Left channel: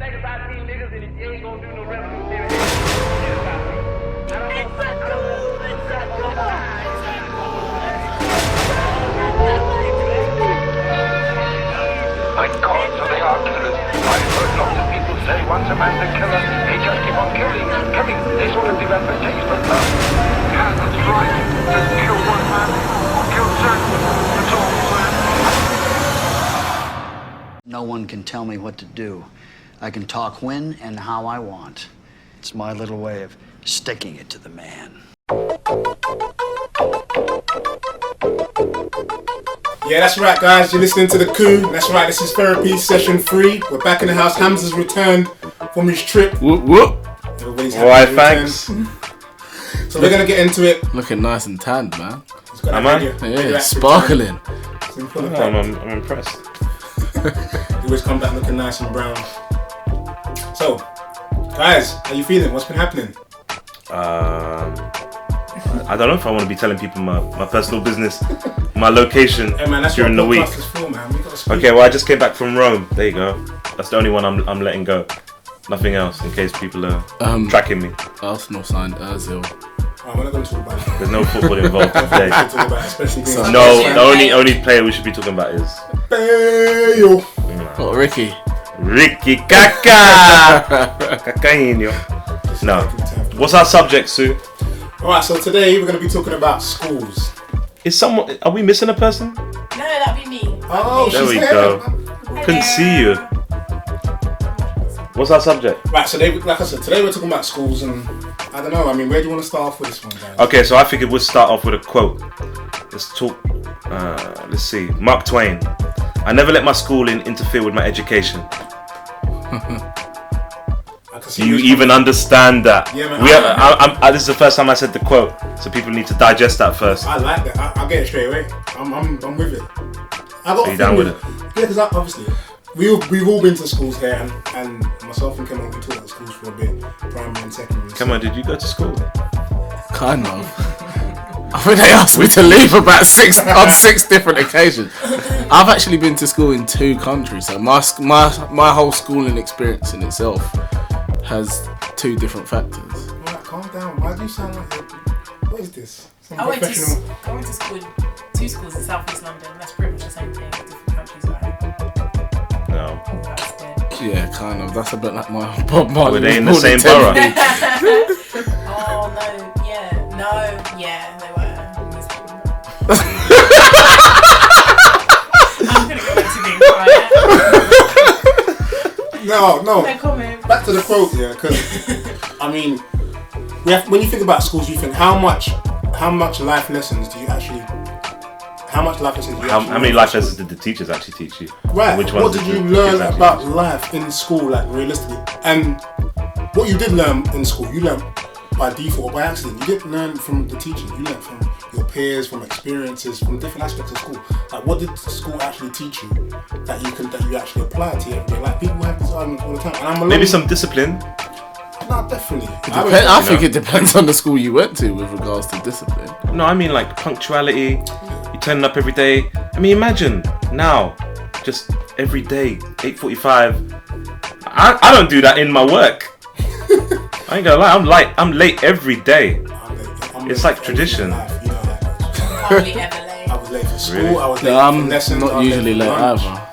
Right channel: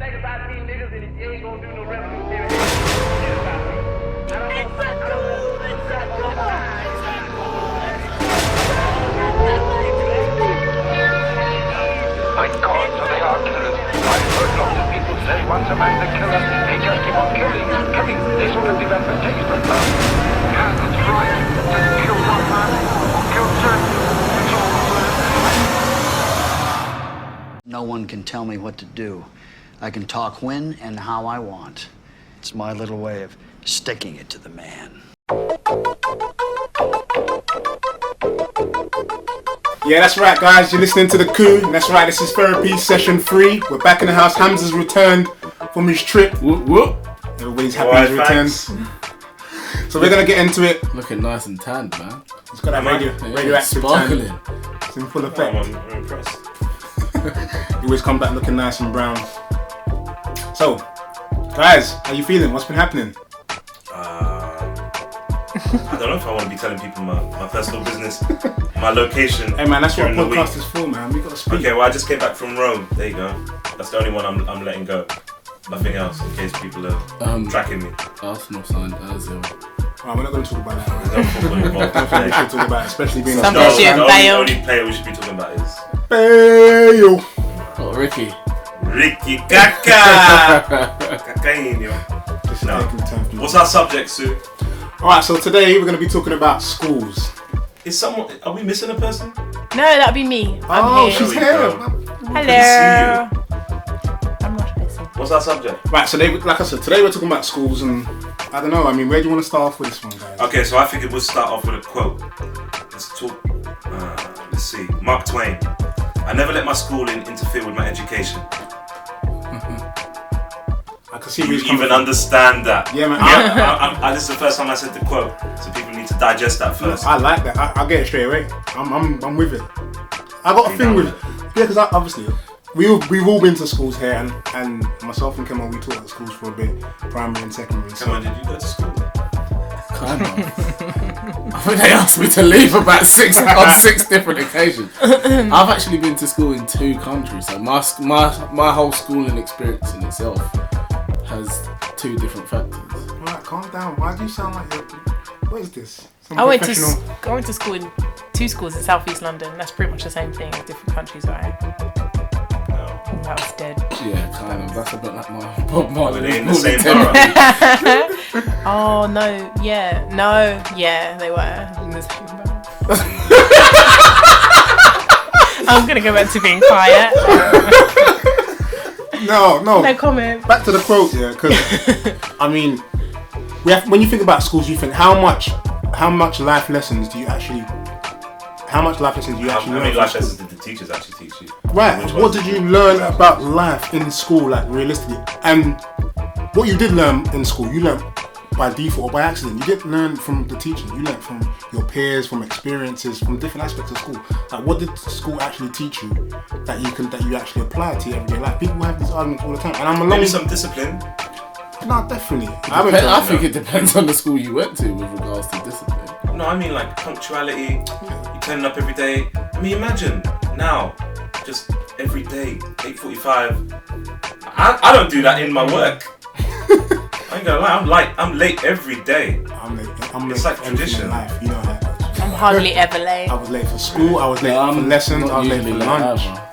think about these niggas and you ain't gonna do no revolutionary shit about me. I don't My God, so they are killers. I've heard lots of people say once a man's a killer, they just keep on killing. They sort of develop a taste for love. Yeah, that's right. Just kill one man or kill ten. It's all the same. No one can tell me what to do. I can talk when and how I want. It's my little way of sticking it to the man. Yeah, that's right, guys. You're listening to the Coup. That's right. This is therapy session 3. We're back in the house. Hamza's returned from his trip. Whoop whoop. Everybody's happy he's returned. So we're gonna get into it. Looking nice and tanned, man. It's got a sparkling. It's in full I'm impressed. You always come back looking nice and brown. So, guys, how you feeling? What's been happening? I don't know if I want to be telling people my personal business, my location. Hey man, that's what during the week. podcast is for, man. We gotta speak. Okay, well I just came back from Rome. There you go. That's the only one I'm letting go. Nothing else, in case people are tracking me. Arsenal signed Ozil. Oh, we're not going to talk about it. There's no football involved today. We should talk about it, especially being the only player we should be talking about is Bale. What, Ricky? Ricky Kaka. Kakainho. No. What's our subject, Sue? Alright, so today we're going to be talking about schools. Are we missing a person? No, that'd be me. Oh, she's There we here. go. Hello. Couldn't see you. What's our subject? Right, so like I said, today we're talking about schools and I don't know, I mean, where do you want to start off with this one, guys? Okay, so I figured we'll start off with a quote. Let's talk, let's see. Mark Twain. I never let my schooling interfere with my education. I can see Do you even understand that? Yeah, man. This is the first time I said the quote, so people need to digest that first. I like that. I get it straight away. I'm with it. I got a thing with it. Yeah, because obviously we've all been to schools here, and myself and Kemal, we taught at schools for a bit, primary and secondary. Kemal, did you go to school? Kind of. I think they asked me to leave about 6 different occasions. I've actually been to school in 2 countries, so my whole schooling experience in itself has 2 different factors. Right, calm down. Why do you sound like what is this? I went to school in 2 schools in South East London. That's pretty much the same thing, different countries, right? No. That's dead. Yeah, kind of. That's a bit like my Bob Marley. Were they in the same borough? Oh no, yeah, they were. I'm gonna go back to being quiet. No. No comment. Back to the quote, yeah, because I mean, when you think about schools, you think how much life lessons do you actually? How many life lessons did the teachers actually teach you? Right. What did you learn about life in school, like realistically? And what you did learn in school, you learned by default or by accident. You didn't learn from the teachers. You learned from your peers, from experiences, from different aspects of school. Like, what did school actually teach you that you actually apply to your everyday life? People have this argument all the time, and maybe some discipline. No, definitely. I think it depends on the school you went to with regards to discipline. No, I mean like punctuality. You turning up every day. I mean, imagine now, just every day, 8:45. I don't do that in my work. I ain't gonna lie, I'm late every day. It's like tradition. You know that. I'm hardly ever late. I was late for school. I was late for lessons. Not usually late either.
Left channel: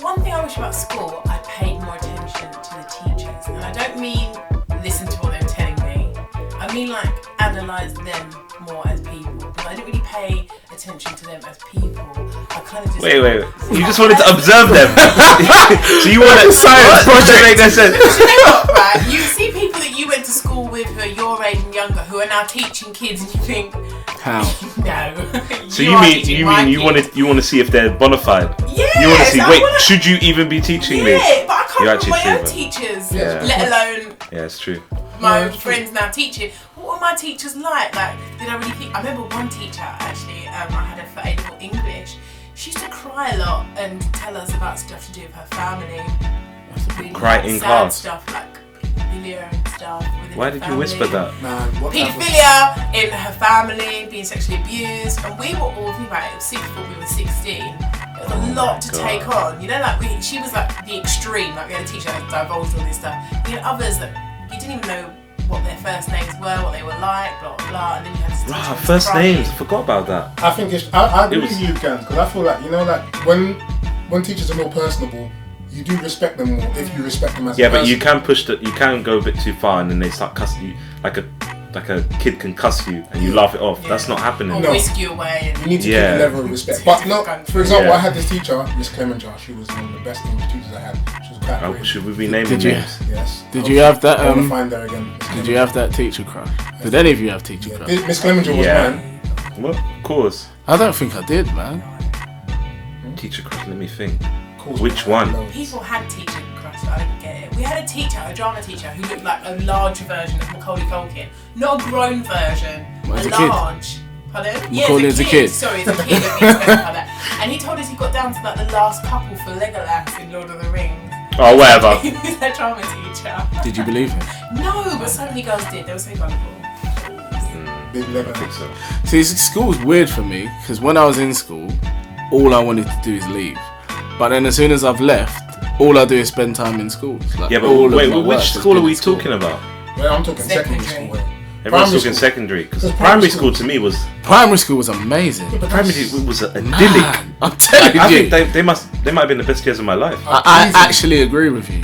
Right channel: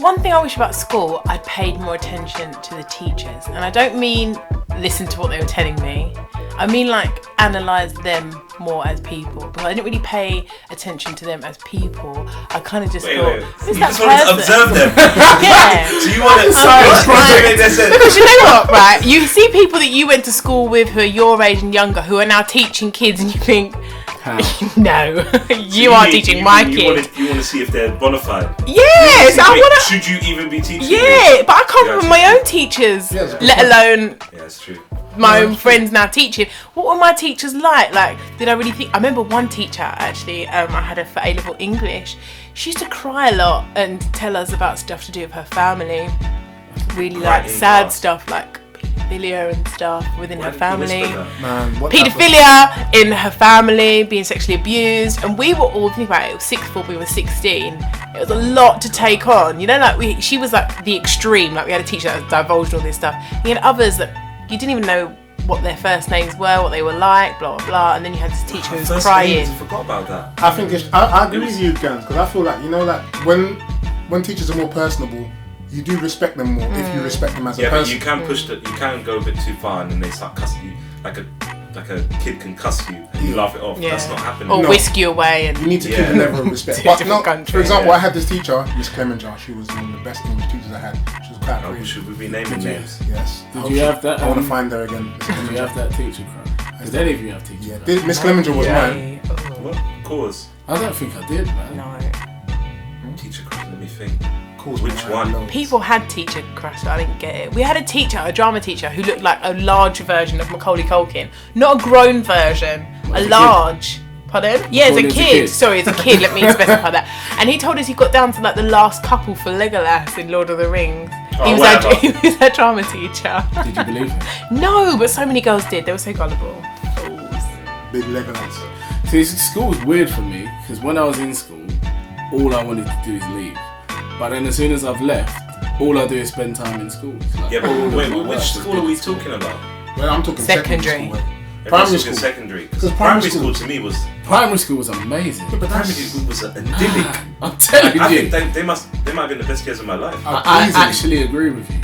One thing I wish about school, I paid more attention to the teachers, and I don't mean listen to what they were telling me. I mean like analyse them more as people, because I didn't really pay attention to them as people. I kind of just wait. You just wanted to observe them. Yeah. So you wanted a science project. Do you know what? Right? You see people that you went to school with who are your age and younger, who are now teaching kids, and you think, how? No, you are teaching my kids. You want to see if they're bona fide. Yes, should you even be teaching? Yeah, but I come from my own teachers, let alone. Yeah, it's true. My own friends now teaching. What were my teachers like? Like, did I really think? I remember one teacher actually. I had her for A-level English. She used to cry a lot and tell us about stuff to do with her family. Really like sad stuff, like paedophilia and stuff within Why her did family. you whisper that? Man, what type of- Paedophilia in her family, being sexually abused, and we were all, think about it, it was sixth form, we were 16. It was a lot to take on. You know, like she was like the extreme. Like we had a teacher that divulged all this stuff. You had others that you didn't even know what their first names were, what they were like, blah blah blah, and then you had this teacher who was First crying. names, I forgot about that. I think I agree with you, Gans, because I feel like, you know, like when teachers are more personable, you do respect them more if you respect them as a Yeah, person. but you can push you can go a bit too far, and then they start cussing you like a kid can cuss you, and you laugh it off. Yeah. That's not happening. Or No. whisk you away. And You need to keep Yeah. a level of respect. Two But different no, countries. for example, Yeah. I had this teacher, Miss Clemenger. She was one of the best English teachers I had. She was quite Oh, great. should we be naming Did you- names? Yes. Did you have that? I want to find her again. Did you have that teacher crush? Did any of you have teacher crush? Miss Clemenger was Yeah. mine. What? Cause I don't think I did, man. teacher crush. Let me think. Cause Which mine, one? loads. people had teacher crush, but I didn't get it. We had a teacher, a drama teacher, who looked like a large version of Macaulay Culkin. Not a grown version, As a a kid? large. Pardon? Yeah, Macaulay as as a a kid. kid. Sorry, as a kid, let me specify that. And he told us he got down to like the last couple for Legolas in Lord of the Rings. Oh, he was whatever. Like, he was a drama teacher. Did you believe him? No, but so many girls did. They were so gullible. Big Legolas. See, school was weird for me because when I was in school, all I wanted to do is leave. But then as soon as I've left, all I do is spend time in school. Like, Yeah, but all of wait, my work which has school are been we in school. talking about? Well, I'm talking secondary Secondary. school. Everyone's Primary talking school. secondary. Because Because primary primary school to me was. Primary school was amazing. But primary school was idyllic. Man, I'm telling I you. think they might have been the best years of my life. I Easy. actually agree with you.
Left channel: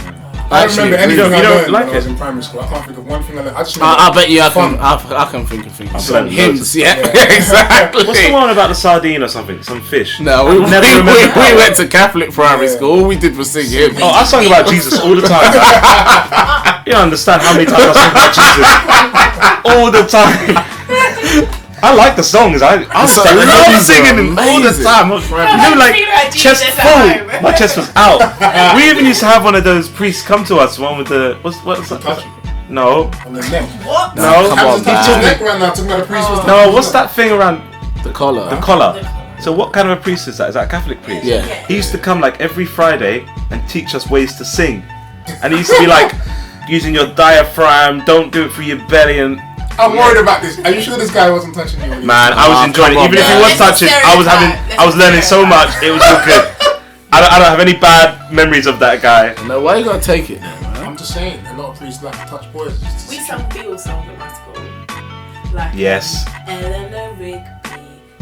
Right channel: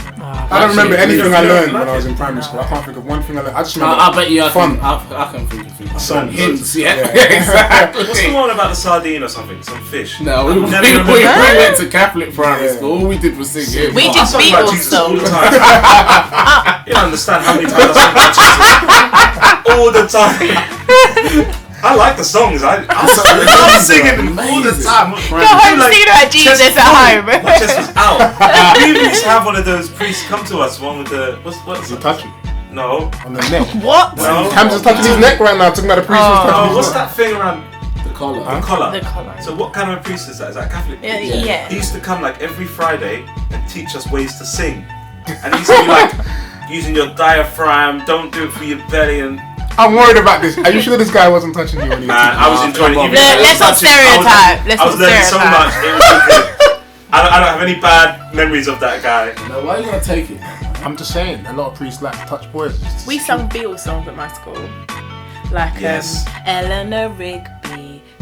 I don't remember actually anything agree. I You don't learned like when I was it? in primary school. I can't think of one thing I learned. I just remember. I bet you I fun. can think of things. Some Hints, yeah, Yeah. exactly. What's the one about the sardine or something? Some fish. No, we went to Catholic primary Yeah. school. All we did was sing hymns. We Oh, I did sung about Beatles Jesus all the songs. time. You don't understand how many times I sung about Jesus all the time. I like the songs. I So love hymns are singing them all the amazing. time. What's No, right? I've seen her at Jesus chest at full. home. My chest was out. We used to have one of those priests come to us. One with the what's The the touch No, on the neck. What? no. Hamza's touching his neck right now, talking about the priest. was touching Oh, his what's neck. that thing around The collar. the collar? The collar. So what kind of a priest is that? Is that a Catholic priest? Yeah. He used to come like every Friday and teach us ways to sing. And he used to be like, using your diaphragm, don't do it through your belly. And I'm worried about this. Are you sure this guy wasn't touching you? man, I was enjoying it. come on. Even if he was Let's not touching, stereotype. I was learning so much. It was all good. I don't have any bad memories of that guy. No, why you gotta take it? I'm just saying, a lot of priests like to touch boys. We sung Beatles songs at my school. Like Yes. Eleanor Rigby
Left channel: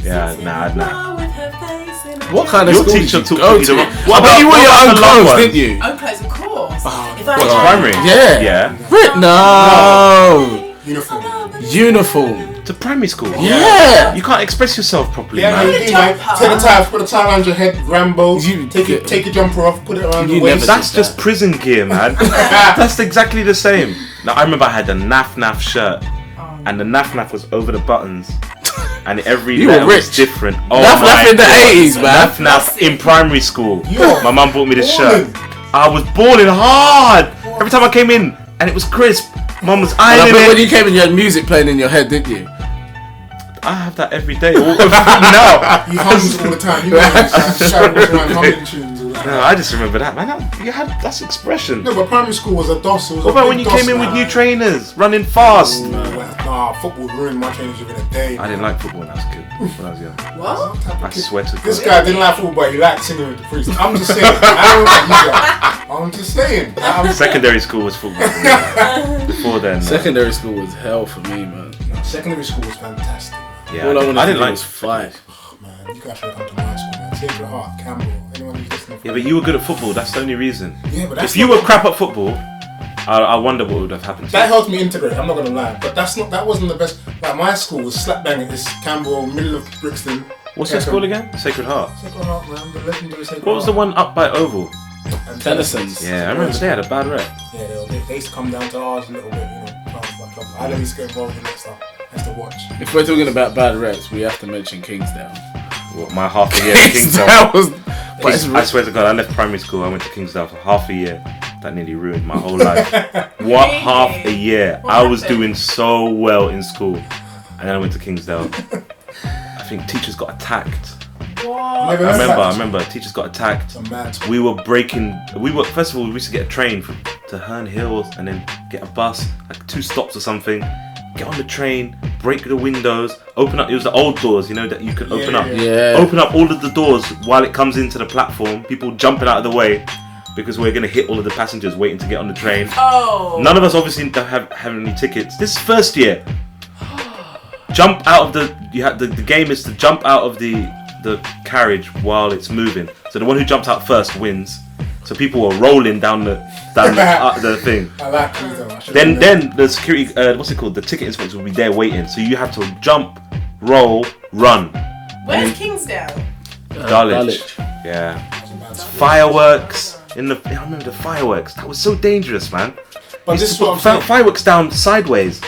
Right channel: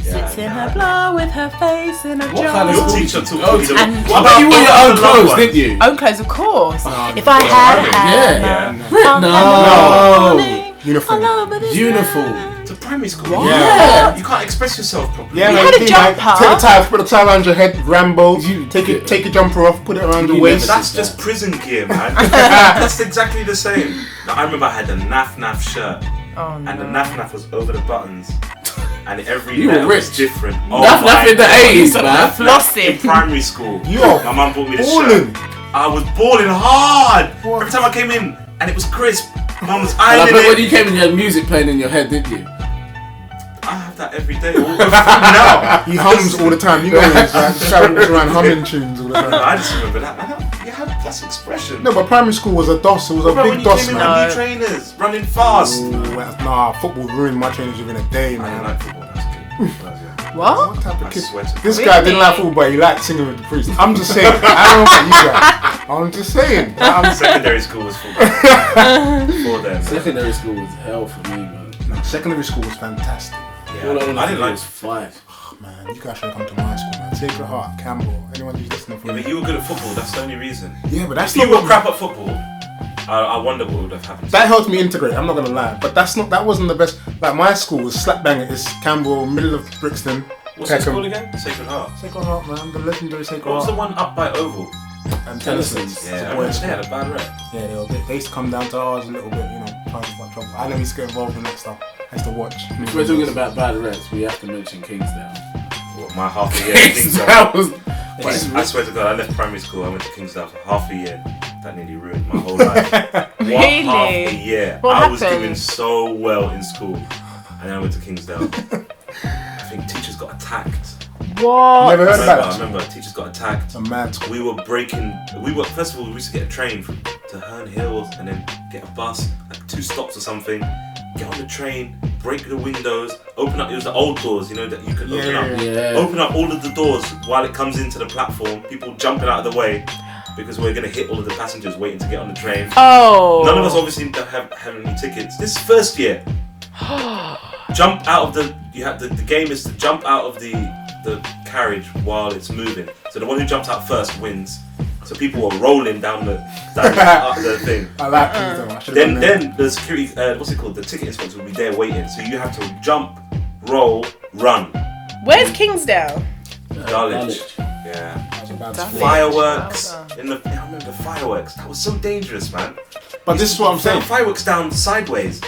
Yeah, sits in nah, a bar with her face in a What jar. kind of Your school did teacher you took go you to? to- I What bet you about- wore your what own about the long clothes, one? didn't you? Own clothes, of course. If I primary? had Yeah. No. Uniform. Uniform. To primary school. Yeah. You can't express yourself properly. Yeah, had man, a you like, jumper. take the tie, put the tie around your head, Rambo. You- Take your jumper off, put it around the You waist. never That's did just that. prison gear, man. That's exactly the same. Now, I remember I had a naff shirt, and the naff was over the buttons, and every You were letter was rich. different. Oh Laugh my in the God. 80s, man. Naff in primary school. Yo, My mum bought me this balling. shirt. I was balling hard. Every time I came in, and it was crisp. Mum was And I ironing bet when it. you came in, you had music playing in your head, didn't you? I have that every day. All now. He hums all the time. You know, he's trying to walk around humming tunes all the No, time. I just remember that, man. That's expression. No, but primary school was a DOS. It was a What about when big you DOS, came in with man. new trainers, running fast? Nah, football ruined my trainers within a day, I man. didn't like football when I was a kid. When I was young. What? What type of I kid? sweated. This guy didn't like football, but he liked singing with the priest. I'm just saying. I don't know about you guys. I'm just saying. Secondary school was football. Before then, Secondary school was hell for me, man. Secondary school was fantastic. yeah, All I wanted I to didn't do like. was fight. Oh, man, you guys should come to my school, man. Sacred Heart, Campbell, anyone who's listening for Yeah, but you were good at football. That's the only reason. Yeah, but that's If you not were crap at football, I wonder what would have happened. That helped me integrate. I'm not gonna lie, but that wasn't the best. Like my school was slap bang. It's Campbell, middle of Brixton. What's that Peckham. school again? Sacred Heart. Sacred Heart, man, the legendary Sacred What was the Heart. one up by Oval? And Tennyson's. Yeah, I remember they had a bad rep. Yeah, they used to come down to ours a little bit, you know, trying to fuck trouble. I never used to get involved in that stuff. I used to watch. If we're talking about bad reps, we have to mention Kingsdale. What, my half a year at Kingsdale. Kingsdale was. But it's I swear to God, I left primary school. I went to Kingsdale for half a year. That nearly ruined my whole life. What half a year? What I was happened? doing so well in school, and then I went to Kingsdale. I think teachers got attacked. What? Never heard of I that? remember. Teachers got attacked. It's a mad school. We were first of all, we used to get a train to Herne Hills and then get a bus, like 2 stops or something. Get on the train, break the windows, open up. It was the old doors, you know, that you could open up. Yeah. Open up all of the doors while it comes into the platform. People jumping out of the way because we're gonna hit all of the passengers waiting to get on the train. Oh. None of us obviously have any tickets. This is first year. Jump out of the. You have the game is to jump out of the carriage while it's moving. So the one who jumps out first wins. So people were rolling down the thing. I like things though. Then the security, what's it called? The ticket inspector will be there waiting. So you have to jump, roll, run. Where's Kingsdale? Dulwich. Yeah. Fireworks in the. I remember the fireworks. That was so dangerous, man. But this is what I'm saying. Fireworks down sideways,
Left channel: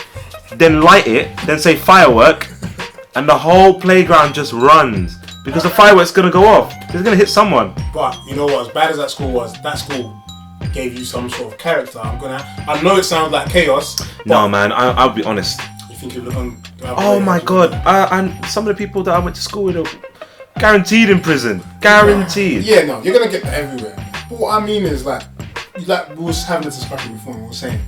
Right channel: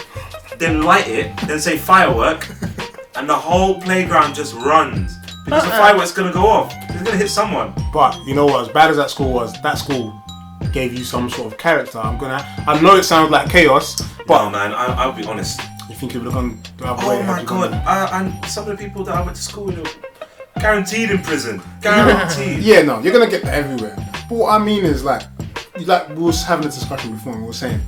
then light it, then say firework, and the whole playground just runs because the fireworks gonna go off. It's gonna hit someone. But you know what? As bad as that school gave you some sort of character. I know it sounds like chaos, but No, man. I'll be honest. you think it would have gone? the other Oh way, my had you god. And some of the people that I went to school with are guaranteed in prison. Guaranteed. Yeah, no, you're gonna get that everywhere. But what I mean is like we was having a discussion before and we were saying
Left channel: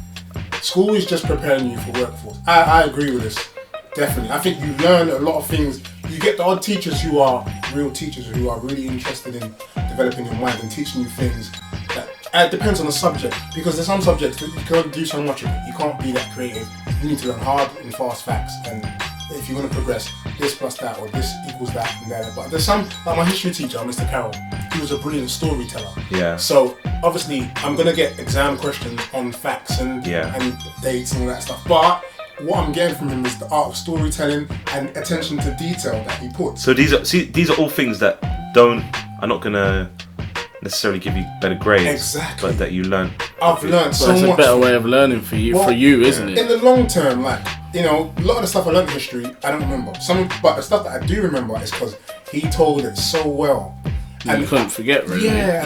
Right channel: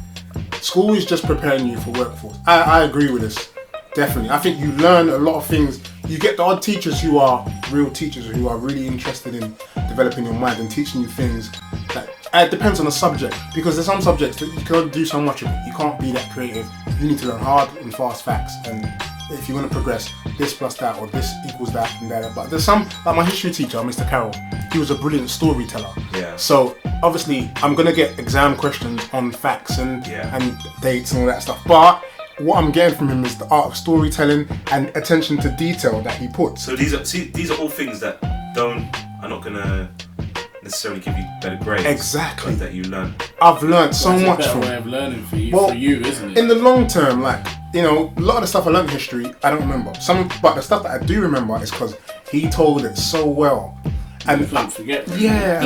school is just preparing you for workforce. I agree with this. Definitely. I think you learn a lot of things. You get the odd teachers who are real teachers who are really interested in developing your mind and teaching you things that it depends on the subject, because there's some subjects that you can't do so much of it. You can't be that creative. You need to learn hard and fast facts, and if you want to progress, this plus that or this equals that and that. But there's some, like my history teacher, Mr. Carroll, he was a brilliant storyteller. Yeah. So obviously I'm gonna get exam questions on facts and dates and all that stuff. But what I'm getting from him is the art of storytelling and attention to detail that he puts. So these are all things that are not gonna necessarily give you better grades. Exactly. But that you learn. I've learned so It's a much. better way of learning for you, isn't it? In the long term, like, you know, a lot of the stuff I learned in history, I don't remember. But the stuff that I do remember is because he told it so well. And you can't forget, really. Yeah.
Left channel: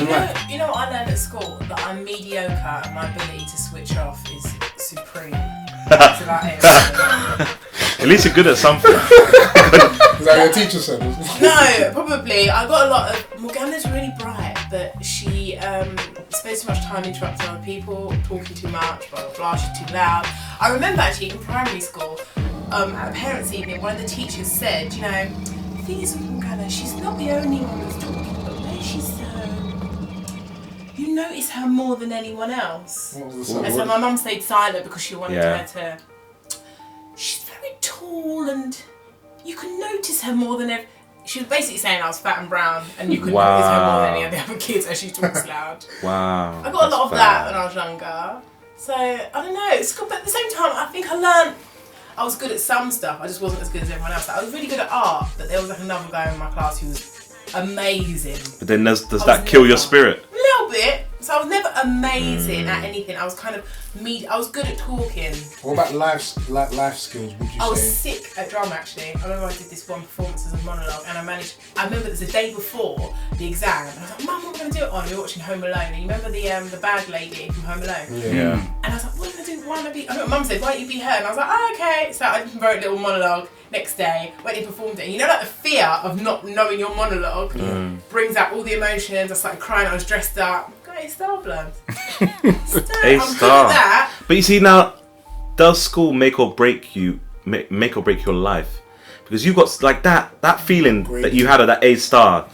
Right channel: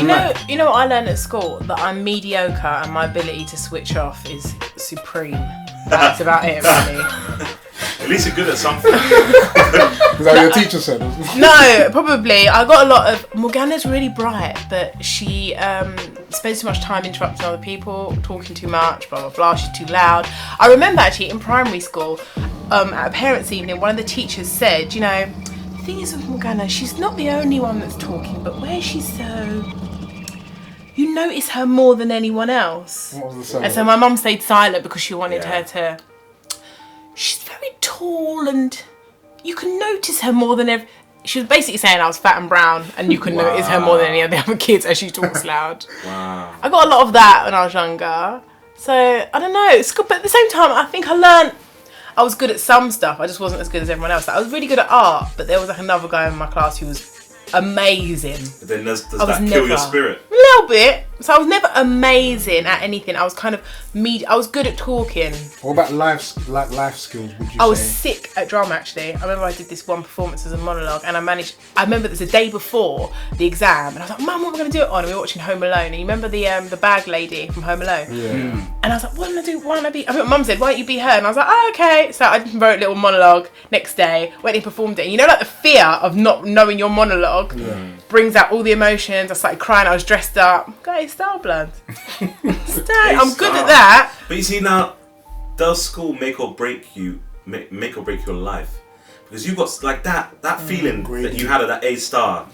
You know what I learned at school? That I'm mediocre and my ability to switch off is supreme. That's about it. At least you're good at something. Is that what your teacher said? No, probably. I got a lot of. Morgana's really bright, but she spends too much time interrupting other people, talking too much, blah blah blah. She's too loud. I remember actually in primary school, at a parents' evening, one of the teachers said, you know, the thing is with Morgana, she's not the only one that's talking, but where she's you notice her more than anyone else. What was the And so my mum stayed silent because she wanted her to. She's very tall and you can notice her more than she was basically saying I was fat and brown and you could notice her more than any of the other kids as she talks loud. Wow. I got a lot of that when I was younger. So, I don't know, it's good, but at the same time I think I learned I was good at some stuff, I just wasn't as good as everyone else. Like, I was really good at art, but there was like another guy in my class who was amazing. But then does that kill your spirit? A little bit. So I was never amazing at anything. I was kind of I was good at talking. What about life skills, would you I was say? sick at drama actually. I remember I did this one performance as a monologue and I remember it was the day before the exam and I was like, Mum, what are we going to do it on? And we were watching Home Alone and you remember the bag lady from Home Alone? Yeah. And I was like, what am I doing? Why am I be? I think Mum said, why don't you be her? And I was like, oh, okay. So I wrote a little monologue next day, went and performed it. And you know, like the fear of not knowing your monologue brings out all the emotions. I started crying, I was dressed up. Guys, style blends. I'm good at that. But you see now, does school make or break your life? Because you got like that feeling that you had of that A star,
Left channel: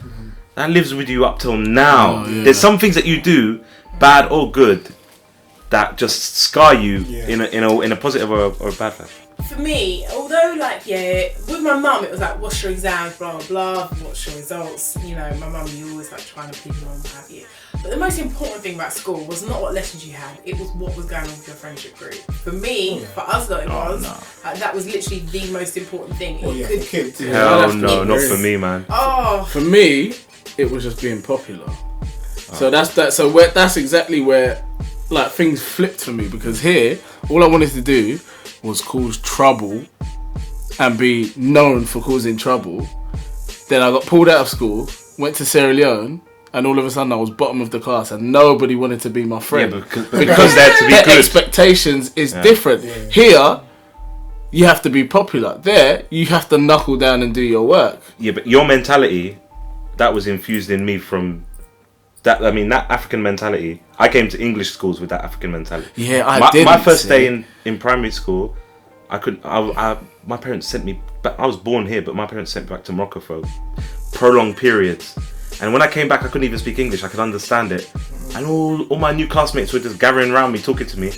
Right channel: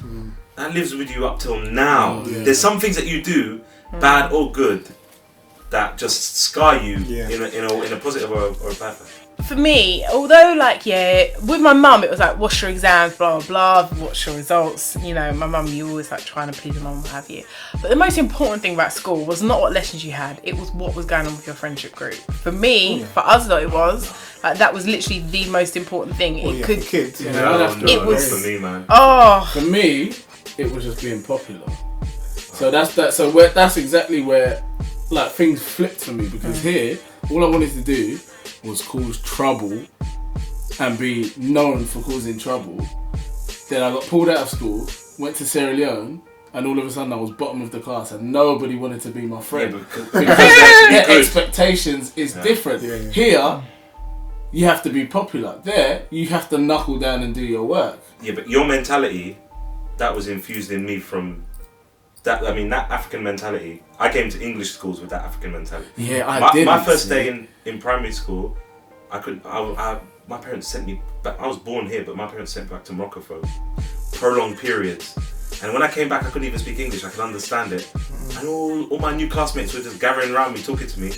that lives with you up till now. There's some things that you do, bad or good, that just scar you in a positive or a bad way. For me, although with my mum it was like, what's your exams, blah blah blah, what's your results, you know, my mum, you always like trying to please your mum, what have you. But the most important thing about school was not what lessons you had, it was what was going on with your friendship group. For me, for us though, it was that was literally the most important thing. For kids. No, not for me, man. For me, it was just being popular. So that's that. So that's exactly where like things flipped for me, because here all I wanted to do was cause trouble and be known for causing trouble. Then I got pulled out of school, went to Sierra Leone, and all of a sudden I was bottom of the class and nobody wanted to be my friend. Yeah, because their expectations is different. Yeah. Here, you have to be popular. There, you have to knuckle down and do your work. Yeah, but your mentality that was infused in me from that. I mean, that African mentality. I came to English schools with that African mentality. Yeah, my first day in primary school, my parents sent me back. I was born here, but my parents sent me back to Morocco for prolonged periods. And when I came back, I couldn't even speak English. I could understand it. And all my new classmates were just gathering around me, talking to me.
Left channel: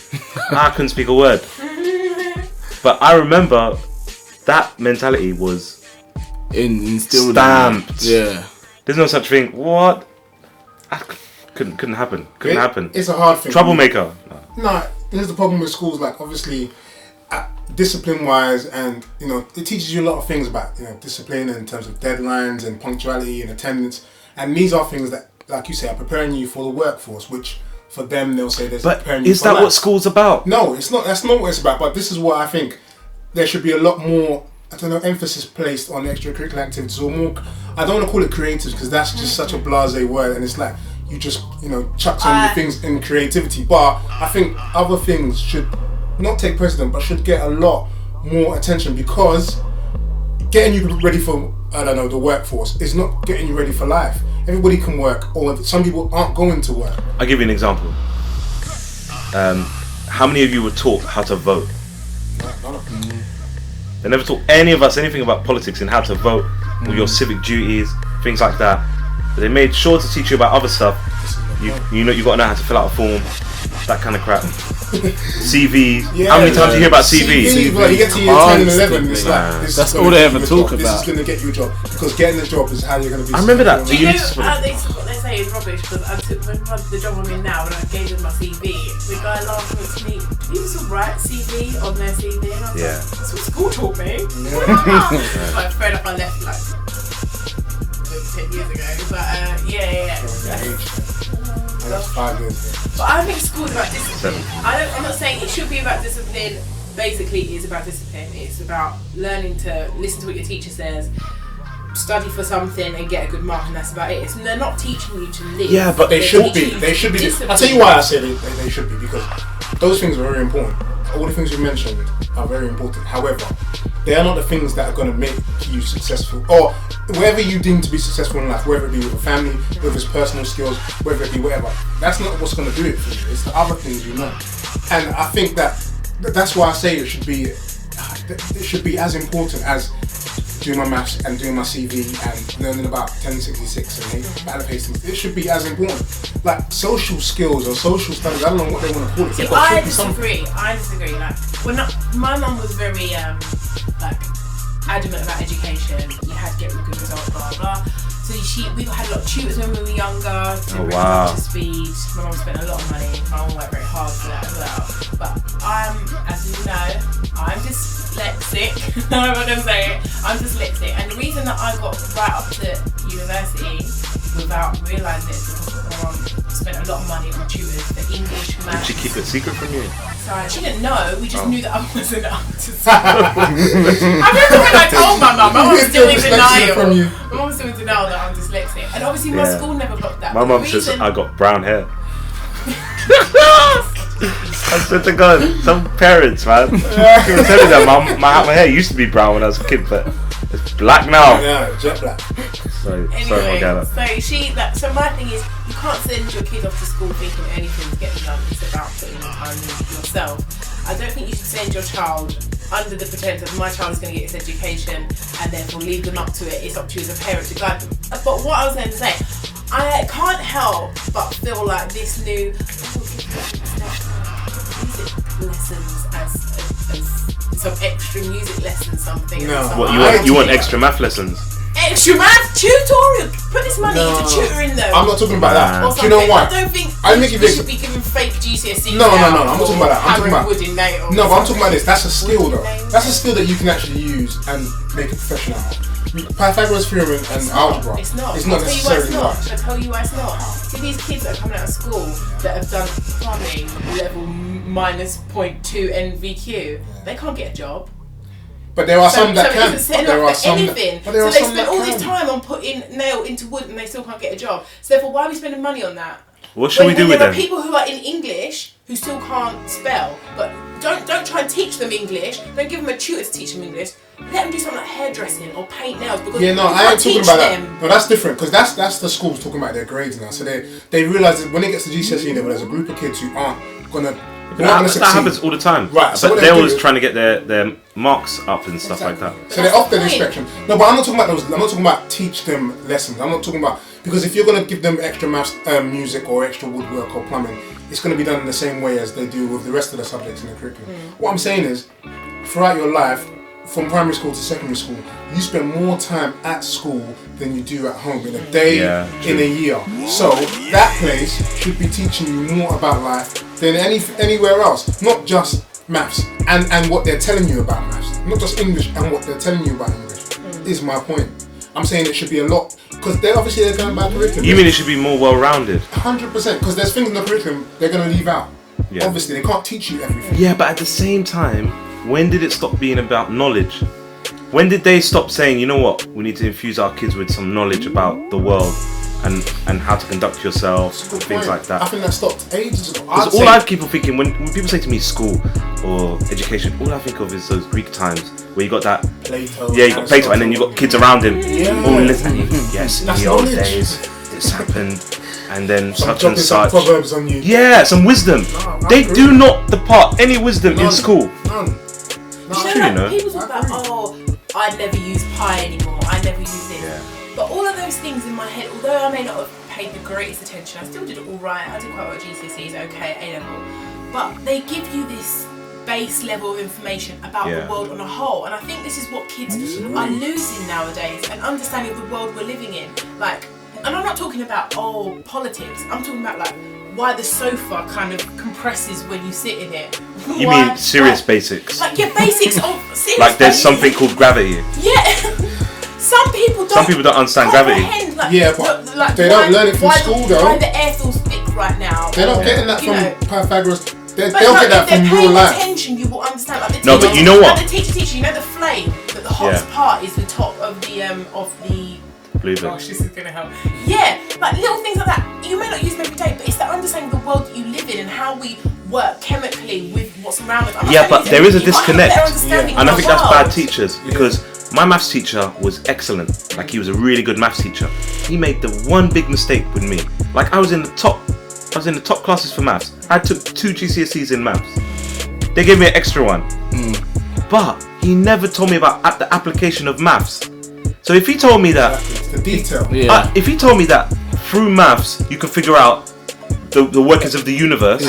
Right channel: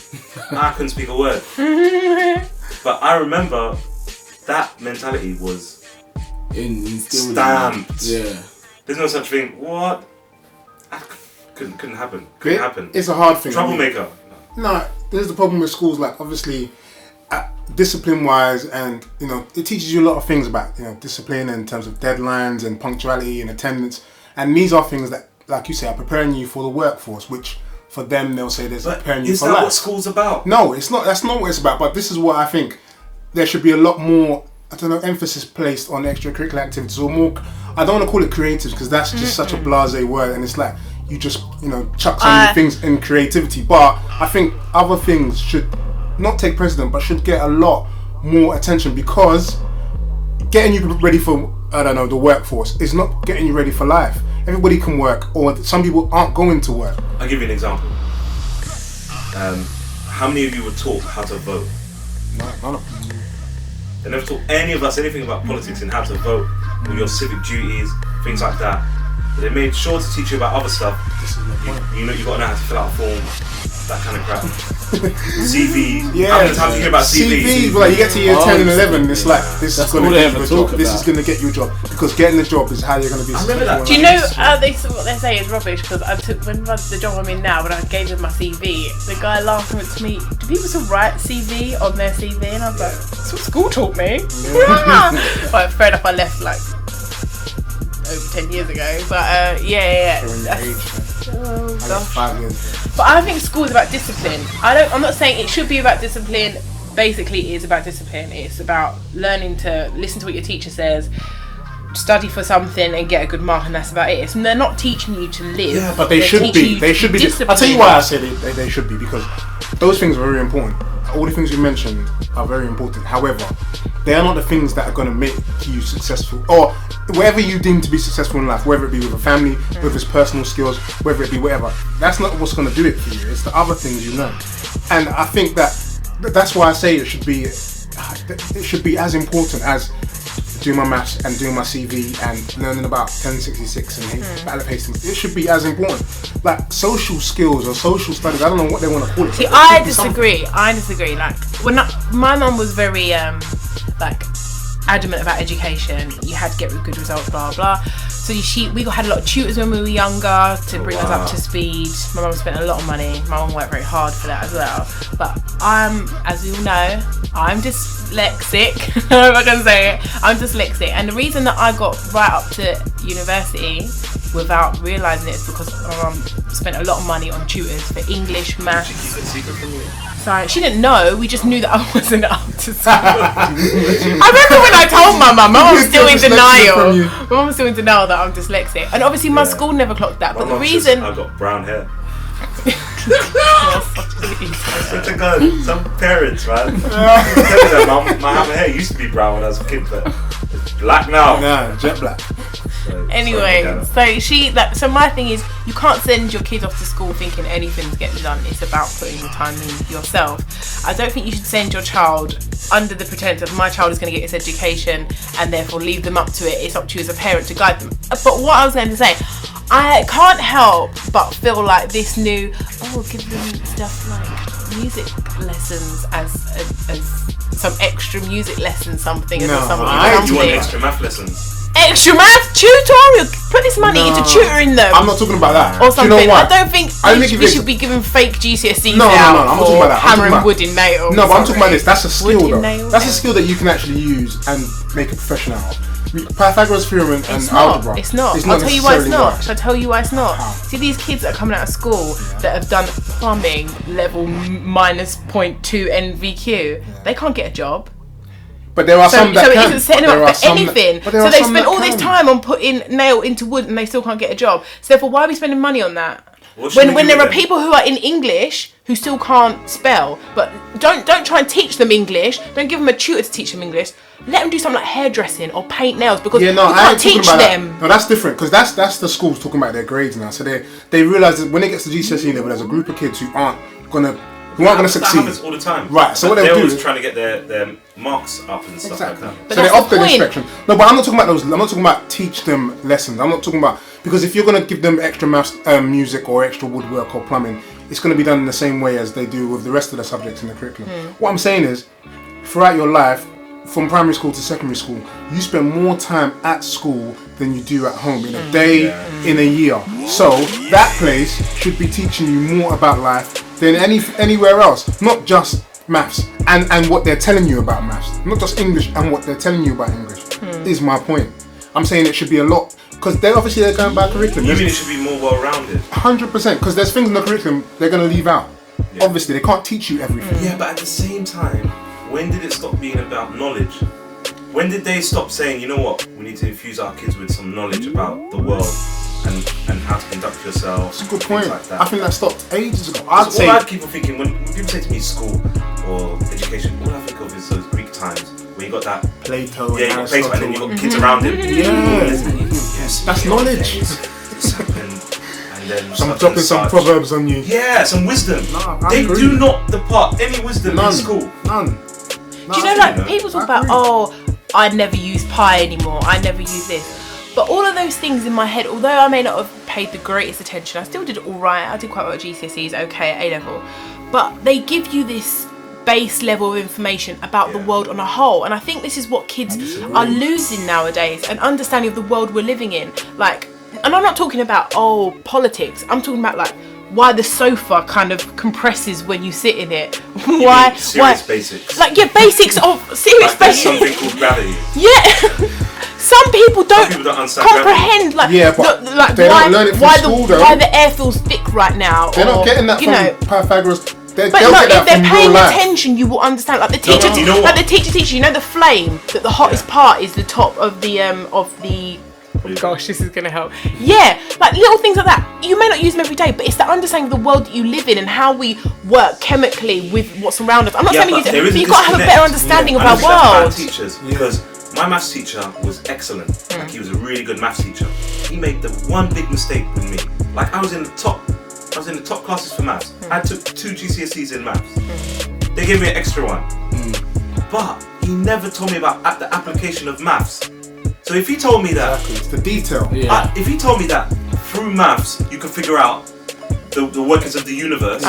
I couldn't speak a word. But I remember that mentality was instilled stamped. Yeah. There's no such thing. What? Couldn't happen. Couldn't happen. It's a hard thing. Troublemaker. No, this is the problem with schools. Like, obviously, discipline-wise, and it teaches you a lot of things about discipline in terms of deadlines and punctuality and attendance. And these are things that, like you say, are preparing you for the workforce. Which for them, they'll say there's preparing you for life. Is that what school's about? No, it's not. That's not what it's about. But this is what I think. There should be a lot more, emphasis placed on extracurricular activities, or more. I don't want to call it creative because that's just such a blasé word, and it's like you just chuck so many things in creativity. But I think other things should not take precedent, but should get a lot more attention, because getting you ready for the workforce is not getting you ready for life. Everybody can work, or some people aren't going to work. I'll give you an example. How many of you were taught how to vote? They never taught any of us anything about politics and how to vote, or your civic duties, things like that. But they made sure to teach you about other stuff. You got to know how to fill out a form, that kind of crap. CV. How many times do you hear about CV? CV, like you get to year 10 and 11, it's like that's all they ever talk about. This is going to get you a job, because getting the job is how you're going to be. I remember that. Do you know what they say is rubbish? Because when the job I'm in now, when I gave them my CV, the guy laughed at me. Do people still write CV on their CV? And I was like, that's what school taught me. But fair enough, I left like over 10 years ago. But That's 5 years. But I think school is about discipline. I'm not saying it should be about discipline. Basically, it is about discipline. It's about learning to listen to what your teacher says, study for something and get a good mark, and that's about it. They're not teaching you to live. Yeah, but they should be. They should be. I'll tell you why I say they should be, because those things are very important. All the things you mentioned are very important. However, they are not the things that are going to make you successful, or wherever you deem to be successful in life, whether it be with a family, whether it's personal skills, whether it be whatever. That's not what's going to do it for you. It's the other things you know. And I think that's why I say it should be as important as doing my maths and doing my CV and learning about 1066 and ballot pastings. It should be as important. Like social skills or social studies, I don't know what they want to call it. See, I disagree. Like, my mum was very adamant about education. You had to get good results, blah blah. So we had a lot of tutors when we were younger to bring us up to speed. My mum spent a lot of money. My mum worked very hard for that as well. But as you know, I'm dyslexic. I'm not gonna say it. I'm dyslexic, and the reason that I got right up to university without realising it is because my mum spent a lot of money on tutors for English, maths. Did she keep it secret from you? Sorry, she didn't know. We just knew that I wasn't up to school. I remember when I told my mum. My mum was still in denial. My mum was still in denial that I'm dyslexic, and obviously my school never clocked that. My mum says I got brown hair. I swear to God, some parents, man. I'm telling you, my hair used to be brown when I was a kid, but it's black now. Yeah, jet black. Anyway, so my thing is, you can't send your kids off to school thinking anything's getting done. It's about putting the time in yourself. I don't think you should send your child under the pretense of my child is going to get its education and therefore leave them up to it. It's up to you as a parent to guide them. But what I was going to say, I can't help but feel like this new, give them stuff like music lessons as some extra music lessons, something. No, you want extra math lessons? Extra math tutorial. Put this money into tutoring them. I'm not talking about that. Or something. Do you know why? I don't think we should be giving fake GCSEs. No. I'm not talking about that. I'm talking about wood in nails. No, but I'm talking about this. That's a skill, though. That's a skill that you can actually use and make a profession out of. Pythagoras theorem and algebra. It's not. It's not. I'll tell you why it's not. Shall I tell you why it's not? See, these kids that are coming out of school that have done plumbing level -0.2 NVQ, they can't get a job. But there are some that can. So it isn't setting them up for anything. So they spend all this time on putting nail into wood and they still can't get a job. So therefore, why are we spending money on that? When there are people who are in English who still can't spell, but don't try and teach them English. Don't give them a tutor to teach them English. Let them do something like hairdressing or paint nails because Yeah, no, you I can't ain't talking teach about them. that. No, that's different because that's the schools talking about their grades now. So they realise that when it gets to GCSE level, there's a group of kids who aren't gonna That succeed. happens all the time. Right, so what they're they do always is- trying to get their marks up and stuff like that. But So they're that's off the their point. spectrum. No, but I'm not talking about those. I'm not talking about teach them lessons. I'm not talking about because if you're gonna give them extra maths, music, or extra woodwork or plumbing, it's gonna be done in the same way as they do with the rest of the subjects in the curriculum. What I'm saying is, throughout your life, from primary school to secondary school, you spend more time at school than you do at home in a day, in a year. So that place should be teaching you more about life than anywhere else, not just maths and what they're telling you about maths, not just English and what they're telling you about English. Is my point. I'm saying it should be a lot because they're going by curriculum. You mean it should be more well-rounded? 100% because there's things in the curriculum they're going to leave out. Yeah. Obviously, they can't teach you everything. Yeah, but at the same time, when did it stop being about knowledge? When did they stop saying, you know what, we need to infuse our kids with some knowledge about the world and how to conduct yourself, That's a good things point. like that? I think that stopped ages ago. Because all I keep on thinking, when people say to me school or education, all I think of is those Greek times where you got that Plato. yeah, you got Plato, and then you got kids around him. Yeah. All listening. Yes, That's in the old knowledge. days, this happened, and then I'm such dropping and some such. proverbs on you. Yeah, some wisdom. No, I they agree. do not depart any wisdom None. in school. None. Do you know, like, people talk about, oh, I'd never use pi anymore, I'd never use this. But all of those things in my head, although I may not have paid the greatest attention, I still did all right. I did quite well at GCSEs, okay, at A-level. But they give you this base level of information about the world on a whole. And I think this is what kids are losing nowadays, an understanding of the world we're living in. Like, and I'm not talking about, politics. I'm talking about, like, why the sofa kind of compresses when you sit in it. You mean serious basics? Like, basics of serious Like there's basics. something called gravity. Yeah. Some people don't understand gravity. comprehend, like, Yeah, but like they don't learn it from why school, the, though. why the air feels thick right now. They're or, not getting that you know. from Pythagoras. They'll But get look, if that they're from real paying life. attention, you will understand. Like the No, teacher, but you know what? Like the teacher, you know the flame. That the hottest part is the top of the Gosh, this is gonna help. Yeah, like little things like that. You may not use them every day, but it's the understanding of the world that you live in and how we work chemically with what's around us. I'm not Yeah, saying but there is a you've got to have a disconnect. better understanding I don't of think our that's world. bad teachers because my maths teacher was excellent. Like he was a really good maths teacher. He made the one big mistake with me. Like I was in the top classes for maths. I took 2 GCSEs in maths. They gave me an extra one. But he never told me about the application of maths. So if he told me that, It's the detail. if he told me that through maths you can figure out the workings of the universe,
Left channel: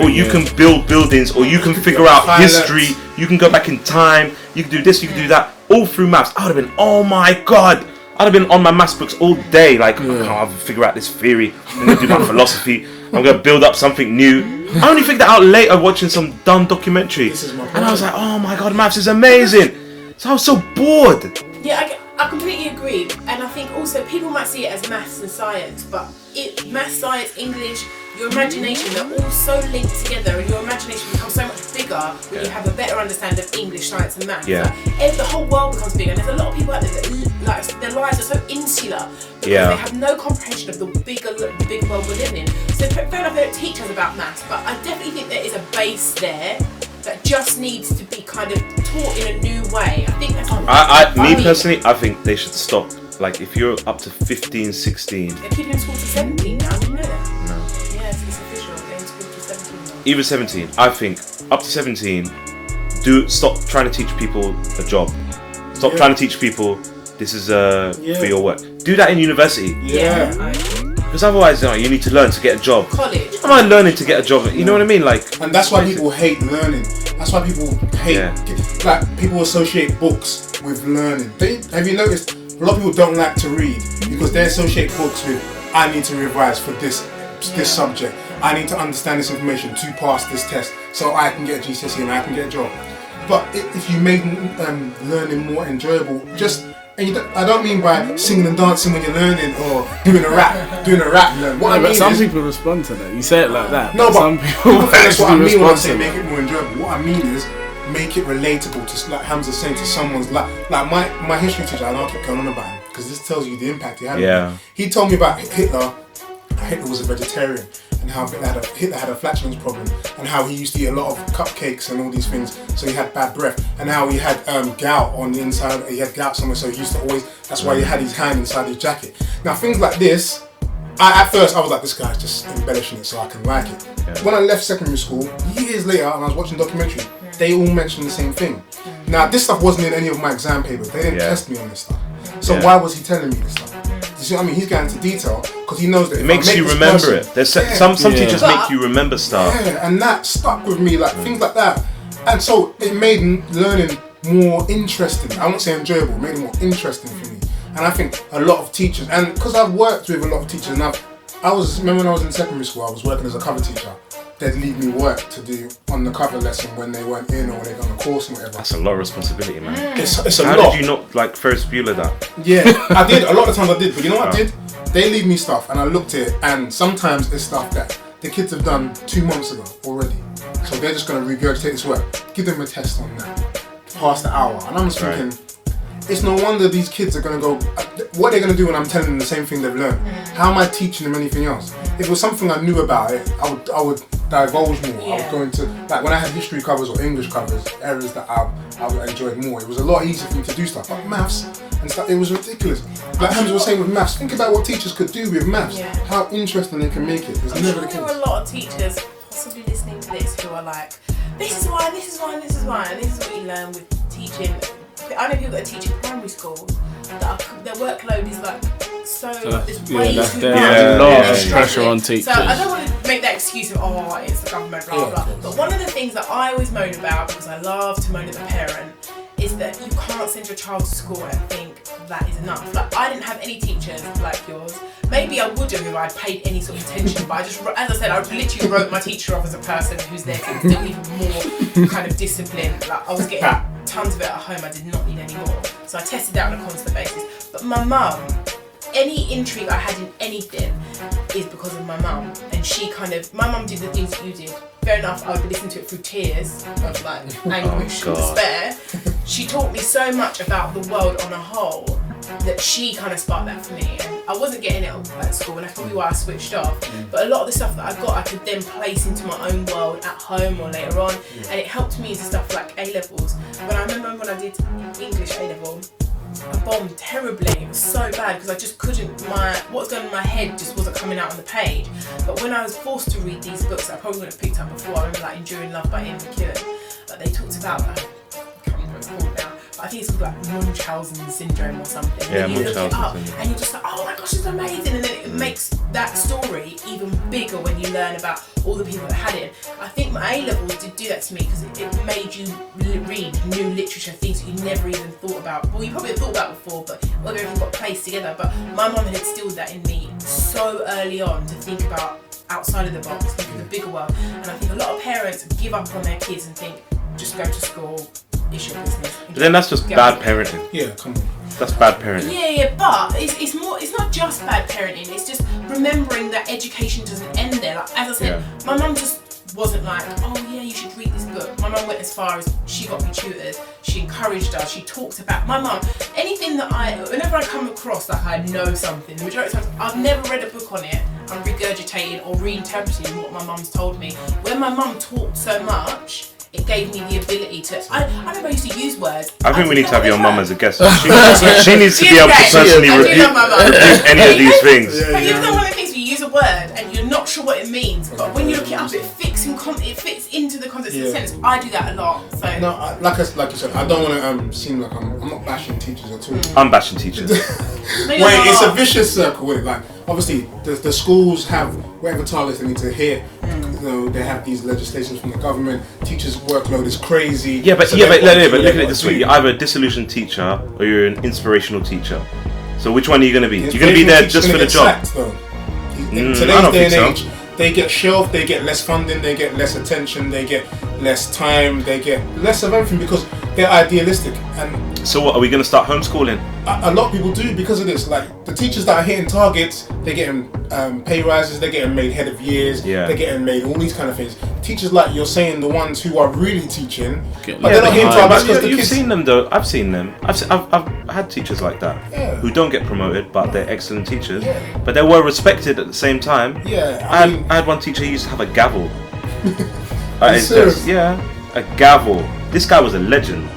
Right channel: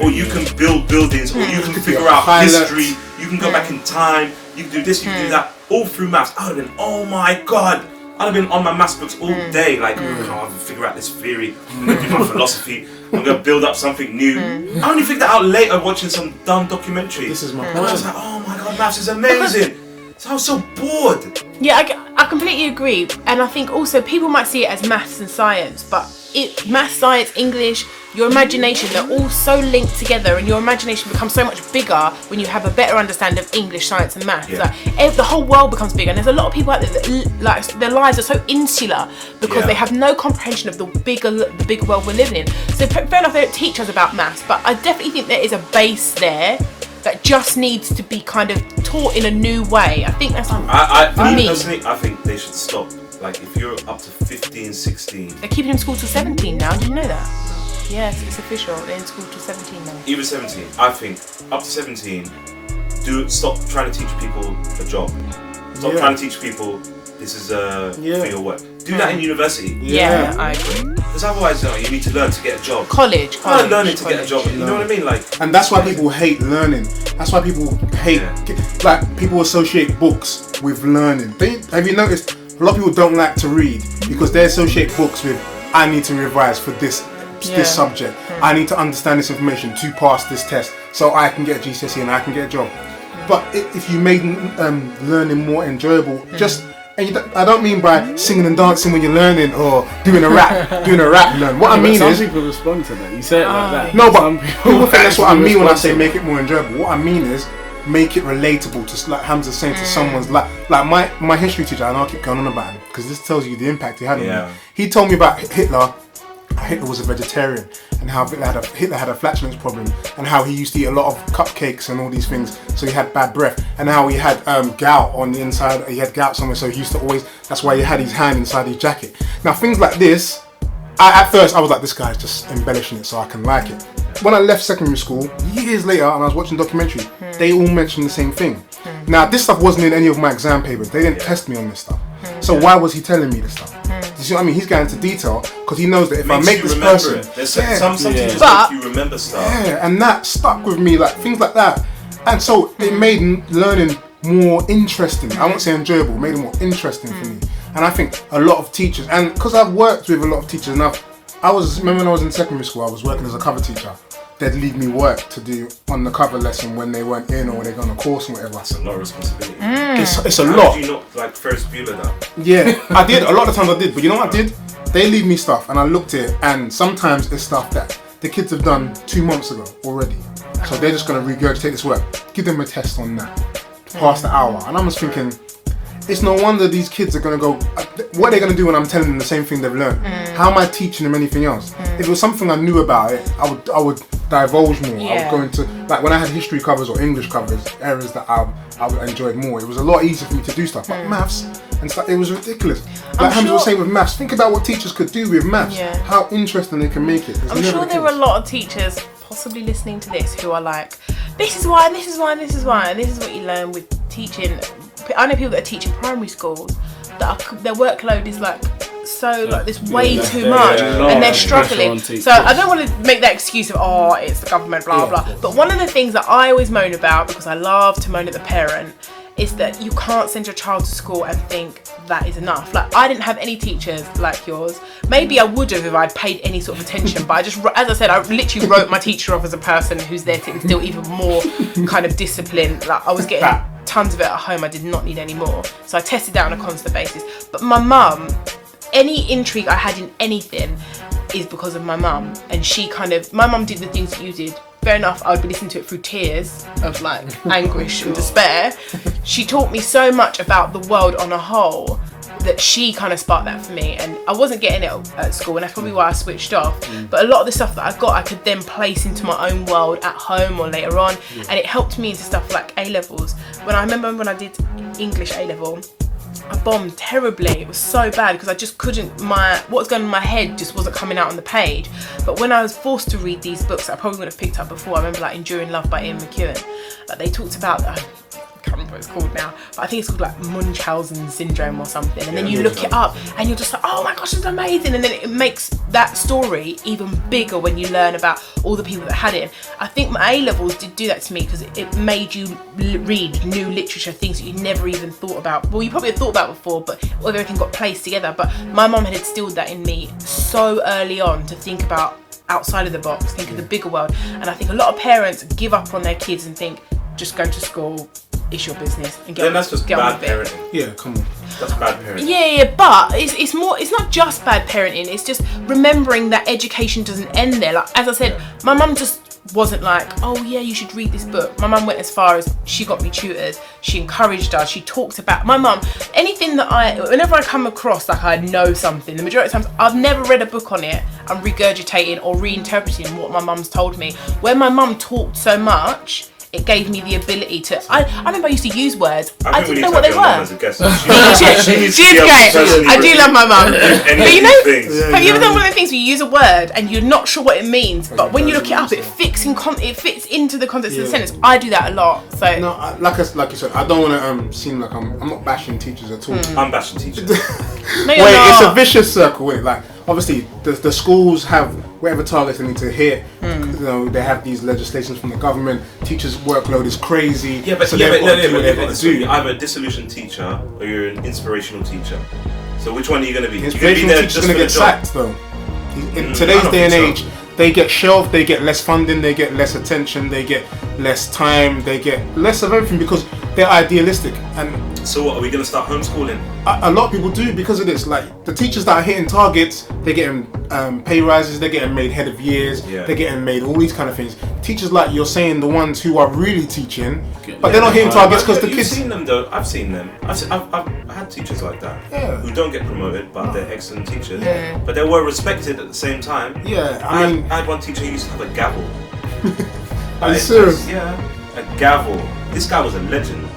or you can build buildings, or you can figure out Pilots. history, you can go back in time, you can do this, you can do that, all through maths, I would have been, oh my god, I'd have been on my maths books all day, like, I'll figure out this theory, I'm going to do my philosophy, I'm going to build up something new. I only figured that out later watching some dumb documentary. This is my And I was like, oh my god, maths is amazing. So I was so bored. Yeah, I completely agree, and I think also people might see it as maths and science, but maths, science, English, your imagination, they're all so linked together, and your imagination becomes so much bigger when you have a better understanding of English, science, and maths. Yeah. Like, the whole world becomes bigger, and there's a lot of people out there that like their lives are so insular because they have no comprehension of the bigger world we're living in. So fair enough, they don't teach us about maths, but I definitely think there is a base there that just needs to be kind of taught in a new way. I think that's Me personally, I think they should stop. Like, if you're up to 15, 16... They're keeping in school till 17 now, did you know that? Yes, it's official, they're in school till 17 now. Even 17, I think, up to 17, stop trying to teach people a job. Stop trying to teach people, this is for your work. Do that in university. Yeah, I agree. Because otherwise, you need to learn to get a job. College. Am I learning to get a job? You know what I mean? Like, And that's why people hate learning. That's why people hate, like, people associate books with learning. Have you noticed, a lot of people don't like to read because they associate books with, I need to revise for this subject. I need to understand this information to pass this test so I can get a GCSE and I can get a job. But if you made learning more enjoyable, I don't mean by singing and dancing when you're learning or doing a rap learn. What I mean some is, people respond to that. You say it like that. no, but some people that's what I mean when I say respond to make it more enjoyable. What I mean is make it relatable to, like Hamza's saying, to someone's life. Like my history teacher, and I'll keep going on about him because this tells you the impact he had on me. He told me about Hitler. Hitler was a vegetarian, and and how Hitler had a flatulence problem, and how he used to eat a lot of cupcakes and all these things, so he had bad breath, and how he had gout on the inside. He had gout somewhere, so he used to always. That's why he had his hand inside his jacket. Now things like this. At first, I was like, this guy's just embellishing it so I can like it. When I left secondary school, years later, and I was watching a documentary, they all mentioned the same thing. Now, this stuff wasn't in any of my exam papers. They didn't test me on this stuff. So why was he telling me this stuff? You see what I mean? He's going into detail because he knows that if I make this person... There's some teachers make you remember stuff. Yeah, and that stuck with me, like things like that. And so it made learning more interesting. I won't say enjoyable, it made it more interesting for me. And I think a lot of teachers, and because I've worked with a lot of teachers, and remember when I was in secondary school, I was working as a cover teacher. They'd leave me work to do on the cover lesson when they weren't in or they'd on a course or whatever. That's a lot of responsibility. Man. It's a How lot. did you not like Ferris Bueller that? Yeah, I did. A lot of times I did. But you know what I did? They leave me stuff and I looked at it, and sometimes it's stuff that the kids have done 2 months ago already. So they're just going to regurgitate this work. Give them a test on that. Pass the hour. And I'm just thinking, it's no wonder these kids are going to go, what are they going to do when I'm telling them the same thing they've learned? How am I teaching them anything else? If it was something I knew about it, I would divulge more. I would go into, like when I had history covers or English covers, areas that I enjoyed more. It was a lot easier for me to do stuff. But maths and stuff, it was ridiculous. Like Hamza was saying with maths, think about what teachers could do with maths. How interesting they can make it. I'm sure there are a lot of teachers possibly listening to this who are like, this is why, this is why, this is why, and this is what you learn with teaching. I know people that are teaching primary schools that their workload is like it's way too much, and they're struggling. So I don't want to make that excuse of it's the government, blah blah. But one of the things that I always moan about, because I love to moan at the parent, is that you can't send your child to school and think that is enough. Like, I didn't have any teachers like yours. Maybe I would have if I'd paid any sort of attention, but I just, as I said, I literally wrote my teacher off as a person who's there to instill even more kind of discipline. Like, I was getting tons of it at home, I did not need any more. So I tested that on a constant basis. But my mum, any intrigue I had in anything is because of my mum. And my mum did the things that you did. Fair enough, I would be listening to it through tears of like anguish and despair. She taught me so much about the world on a whole that she kind of sparked that for me, and I wasn't getting it at school, and that's probably why I switched off. But a lot of the stuff that I got, I could then place into my own world at home or later on, and it helped me into stuff like A-levels. When I remember when I did English A-level, I bombed terribly. It was so bad because I just couldn't, what was going on in my head just wasn't coming out on the page. But when I was forced to read these books that I probably would have picked up before, I remember like Enduring Love by Ian McEwan, like they talked about, I can't remember what it's called now, but I think it's called like Munchausen syndrome or something, and then you look it up and you're just like, oh my gosh, it's amazing, and then it makes that story even bigger when you learn about all the people that had it. I think my A-levels did do that to me because it made you read new literature, things that you never even thought about. Well, you probably had thought about before, but everything got placed together. But my mum had instilled that in me so early on, to think about outside of the box, think of the bigger world. And I think a lot of parents give up on their kids and think, just go to school, it's your business. And that's just bad parenting. Yeah, come on. That's bad parenting. Yeah, but it's more. It's not just bad parenting. It's just remembering that education doesn't end there. Like, as I said, my mum just wasn't like, oh yeah, you should read this book. My mum went as far as she got me tutored. She encouraged us. She talked about my mum. Anything that whenever I come across like I know something, the majority of times I've never read a book on it. I'm regurgitating or reinterpreting what my mum's told me. When my mum talked so much, it gave me the ability to. I remember I used to use words. I think we need to have your mum as a guest. She needs to be able to personally I do love my mum. any of these things. Have you ever done one of the things where you use a word and you're not sure what it means, but when you look it up, it fits into the context of the sentence? I do that a lot. So no, like you said, I don't want to seem like I'm not bashing teachers at all. I'm bashing teachers. It's a vicious circle. Like obviously, the schools have whatever targets they need to hit. You know, they have these legislations from the government. Teachers' workload is crazy. But you're either a disillusioned teacher or you're an inspirational teacher. So which one are you going to be? You're going to be there just for the job. Sacked, though. In today's day and age, they get shelved, they get less funding, they get less attention, they get less time, they get less of everything because they're idealistic. And so what, are we going to start homeschooling? A lot of people do because of this. Like the teachers that are hitting targets, they're getting pay rises, they're getting made head of years, they're getting made all these kind of things. Teachers like you're saying, the ones who are really teaching, but they're not hitting targets because the kids. You've seen them though. I've seen them. I've had teachers like that Yeah. who don't get promoted, but they're excellent teachers. Yeah. But they were respected at the same time. Yeah, I mean, I had one teacher who used to have a gavel. Are you serious? Yeah, a gavel. This guy was a legend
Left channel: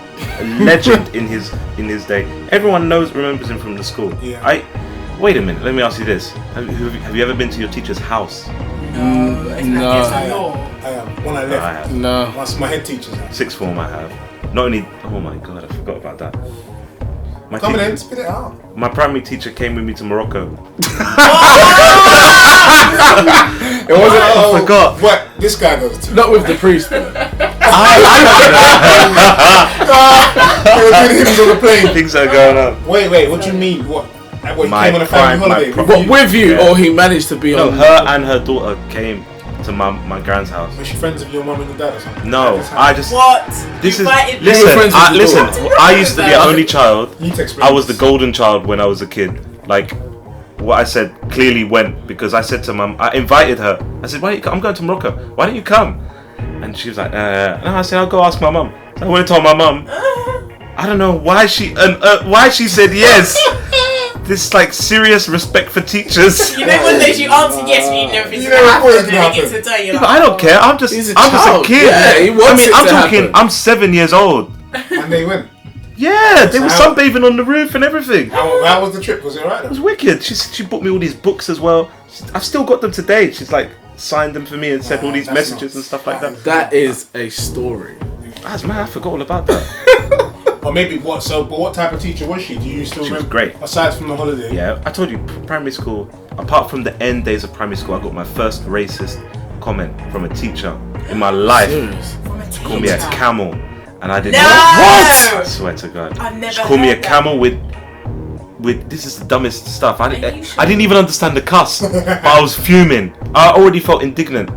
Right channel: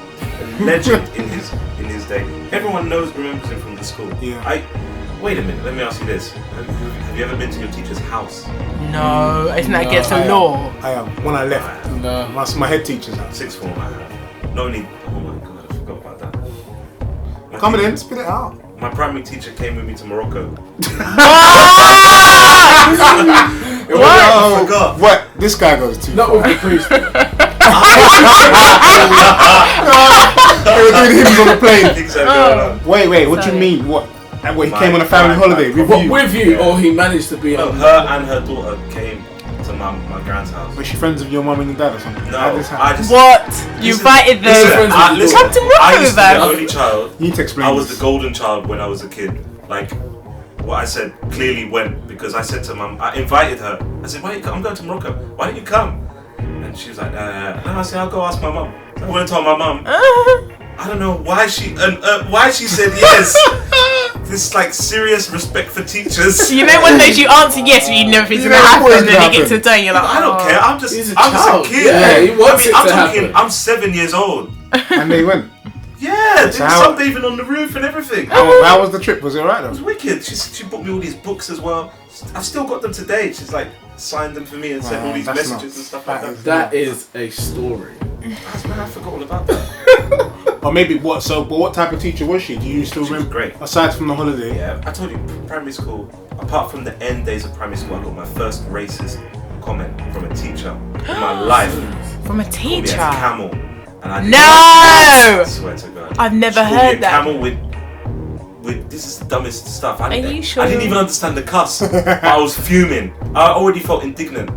in his day. Everyone remembers him from the school. Yeah. Wait a minute. Let me ask you this: Have you ever been to your teacher's house? No, isn't that against the law? I am. When I left, No. that's my head teacher's house. Sixth form I have. Not only. Oh my god, I forgot about that. My Come teacher- in, spit it out. My primary teacher came with me to Morocco. It was I forgot. What this guy goes to? not with the priest. They were doing hymns on the plane. Things are going on. Wait, what do you mean? What? What, he My came on a family prime- holiday my with What you? with you, Yeah. or he managed to be No, on? her and her daughter came to my grand's house. Was she friends with your mum and your dad or something? No, How did this happen? I just. What? You Listen, invited listen, them? friends with your listen, daughter. Come to I used to be Morocco, the only child. You need to explain I was the this. golden child when I was a kid. Like, what I said clearly went because I said to mum, I invited her. I said, I'm going to Morocco. Why don't you come? And she was like, and I said, I'll go ask my mum. I went and told my mum. I don't know why she said yes. This like serious respect for teachers. You know, one days you answer yes, but you never think it's You gonna know happen, what's and then gonna you get to happen. the day, you're like, I don't care. I'm just He's a a child. kid. Yeah, he wants it I'm to talking. happen. I'm 7 years old. And they went. Yeah, they So were how- sunbathing on the roof and everything. How was the trip? Was it alright? It was wicked. She bought me all these books as well. I've still got them today. She's like signed them for me and sent all these that's messages nuts. and stuff like that. That is a story. That's mad. I forgot all about that. Or maybe what? So, but what type of teacher was she? Do you still She was remember? great. Aside from the holiday. Yeah, I told you, primary school. Apart from the end days of primary school, I got my first racist comment from a teacher in my life. Serious. from a Called me teacher. a camel, and I didn't. No! I swear to God. I've never She called me a heard that. camel with. This is the dumbest stuff. Are you sure? I didn't even understand the cuss. But I was fuming. I already felt indignant.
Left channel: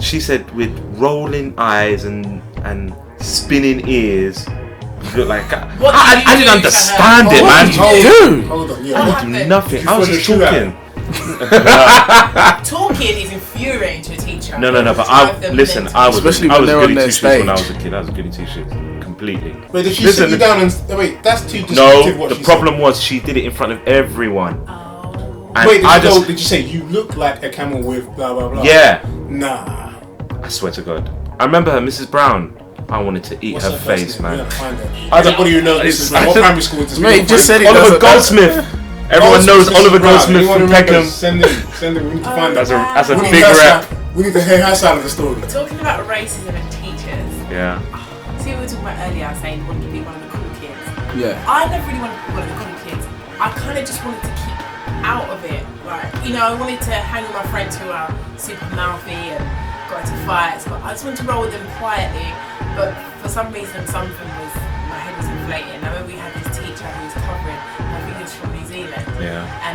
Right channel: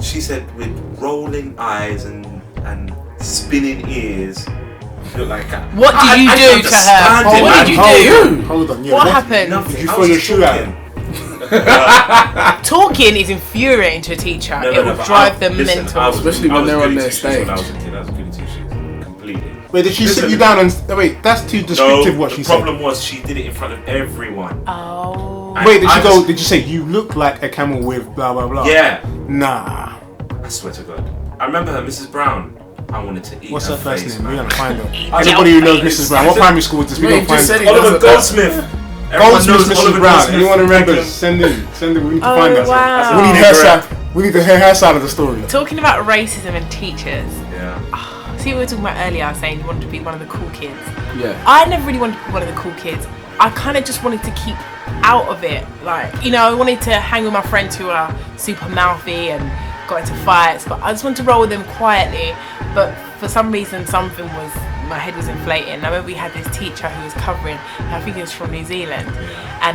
She said with rolling eyes and spinning ears. You look like that. What did you I do didn't to understand her? it, What man. did you do? Dude. Hold on. Yeah. What what- happened? Nothing. Did you I throw was your shoe at talking. Talking is infuriating to a teacher. No, It no, will but drive them listen, mental. I was Especially I when was they're on goody their two-shoes When I stage. was a kid, I was a goody two-shoes completely. Wait, did she Listen. sit you down and wait? That's too No, descriptive. What the she problem was she did it in front of everyone. Oh. And Wait, did I she go? just- Did you say you look like a camel with blah blah blah? Yeah, Nah. I swear to God. I remember her, Mrs. Brown. I wanted to eat What's her her first face, name? We man. gotta find her. Everybody who knows Mrs. Brown. What primary school is this? We Mate, don't just find said he Oliver doesn't. Goldsmith. Everyone knows Mrs. Oliver Brown. Goldsmith. Anyone from remembers? Peckham. Send him. We need to Oh, find that. wow. As a We need big her rap. side. We need to hear her side of the story. Talking about racism and teachers. Yeah. See what we were talking about earlier, I was saying you wanted to be one of the cool kids. Yeah. I never really wanted to be one of the cool kids. I kind of just wanted to keep out of it. Like, you know, I wanted to hang with my friends who are super mouthy and got into fights, but I just wanted to roll with them quietly. But for some reason, my head was inflating. I remember we had this teacher who was covering, and I think he was from New Zealand. Yeah.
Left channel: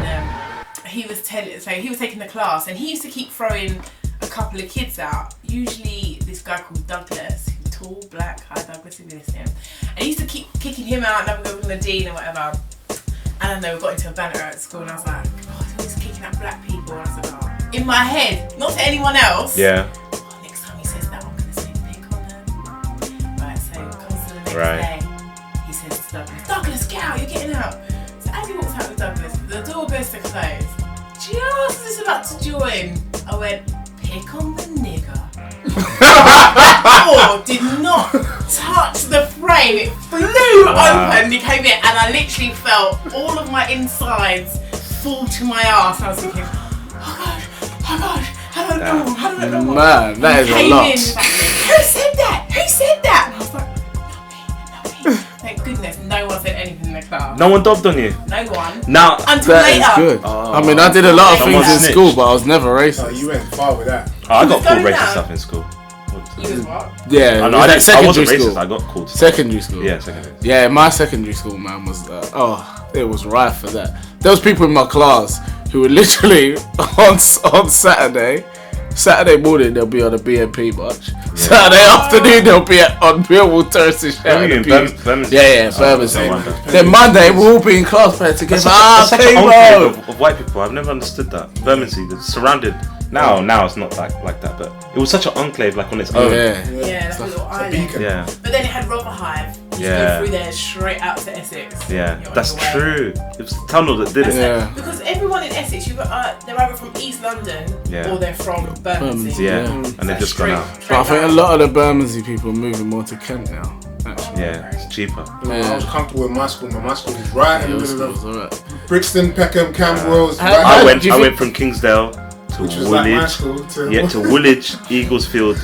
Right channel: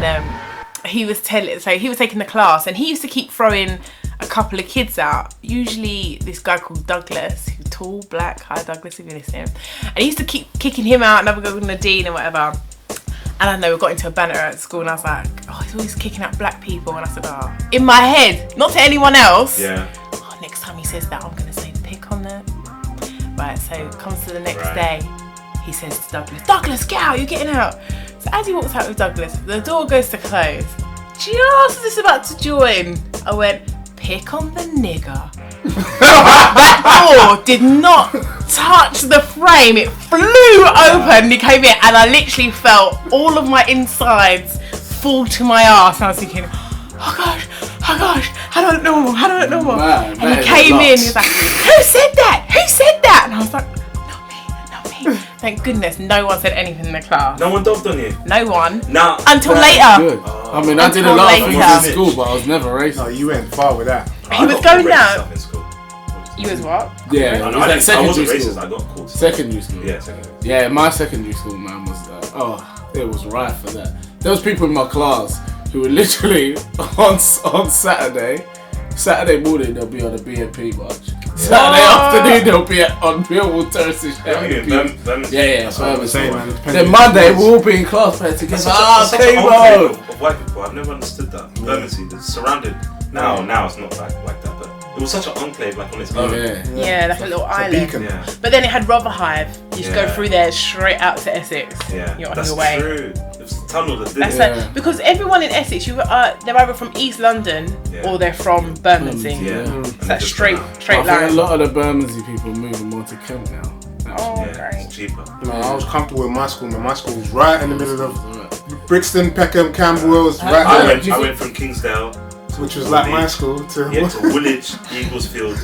And he was taking the class, and he used to keep throwing a couple of kids out. Usually this guy called Douglas, tall, black, hi Douglas if you listen. And he used to keep kicking him out, and I would go with Nadine and whatever. And I know we got into a banter at school, and I was like, oh, he's always kicking out black people. And I said, oh, in my head, not to anyone else. Yeah. Oh, next time he says that, I'm gonna say pick on them. Right, so it comes to the next Right. day, he says to Douglas, get out, you're getting out. So as he walks out with Douglas, the door goes to close. Just as it's about to join, I went, pick on the nigger. That door did not touch the frame. It flew open. He came in, and I literally felt all of my insides fall to my ass. I was thinking, oh gosh, how do I know? Man, that and is he a came lot. in, he was like, who said that? Who said that? And I was like, not me. Thank goodness no one said anything in the class. No one dobbed on you. No one. Now, Until That is later. good. I mean, I did a lot of things in Later. school, but I was never No, racist. you went far with that. I was got called going racist down. stuff in school. You was what? Yeah, I it know, was I at wasn't secondary racist, school. I got called. Secondary school. Yeah, secondary. Yeah, my secondary school, man, was it was rife for that. There was people in my class who were literally on Saturday morning they'll be on a BNP march. Saturday afternoon they'll be on Millwall Terraces shouting Birmingham, abuse. Birmingham. Yeah, Birmingham. Same, man. Then Monday we'll all be in class playing together. That's like Okay, the bro. old of white people. I've never understood that. Bermondsey, they're surrounded Now it's not like that, but it was such an enclave, like on its own. Yeah, that's a little island. beacon. Yeah. But then it had Rotherhithe. You just Yeah. go through there straight out to Essex. Yeah, You're on that's your way. true. It was the tunnel that did That's it. like, because everyone in Essex, they're either from East London Yeah. or they're from Bermondsey. Yeah, Yeah. and It's they like just straight come out. I think a line. lot of the Bermondsey people are moving more to Kent now. Actually. Yeah, it's cheaper. I was comfortable with my school. My school was right in the middle of Alright. Brixton, Peckham, Camberwell's, How- right how- I there, went, do you I think- went from Kingsdale to which was like my Woolwich. school to. Yeah, to Woolwich, Eaglesfield,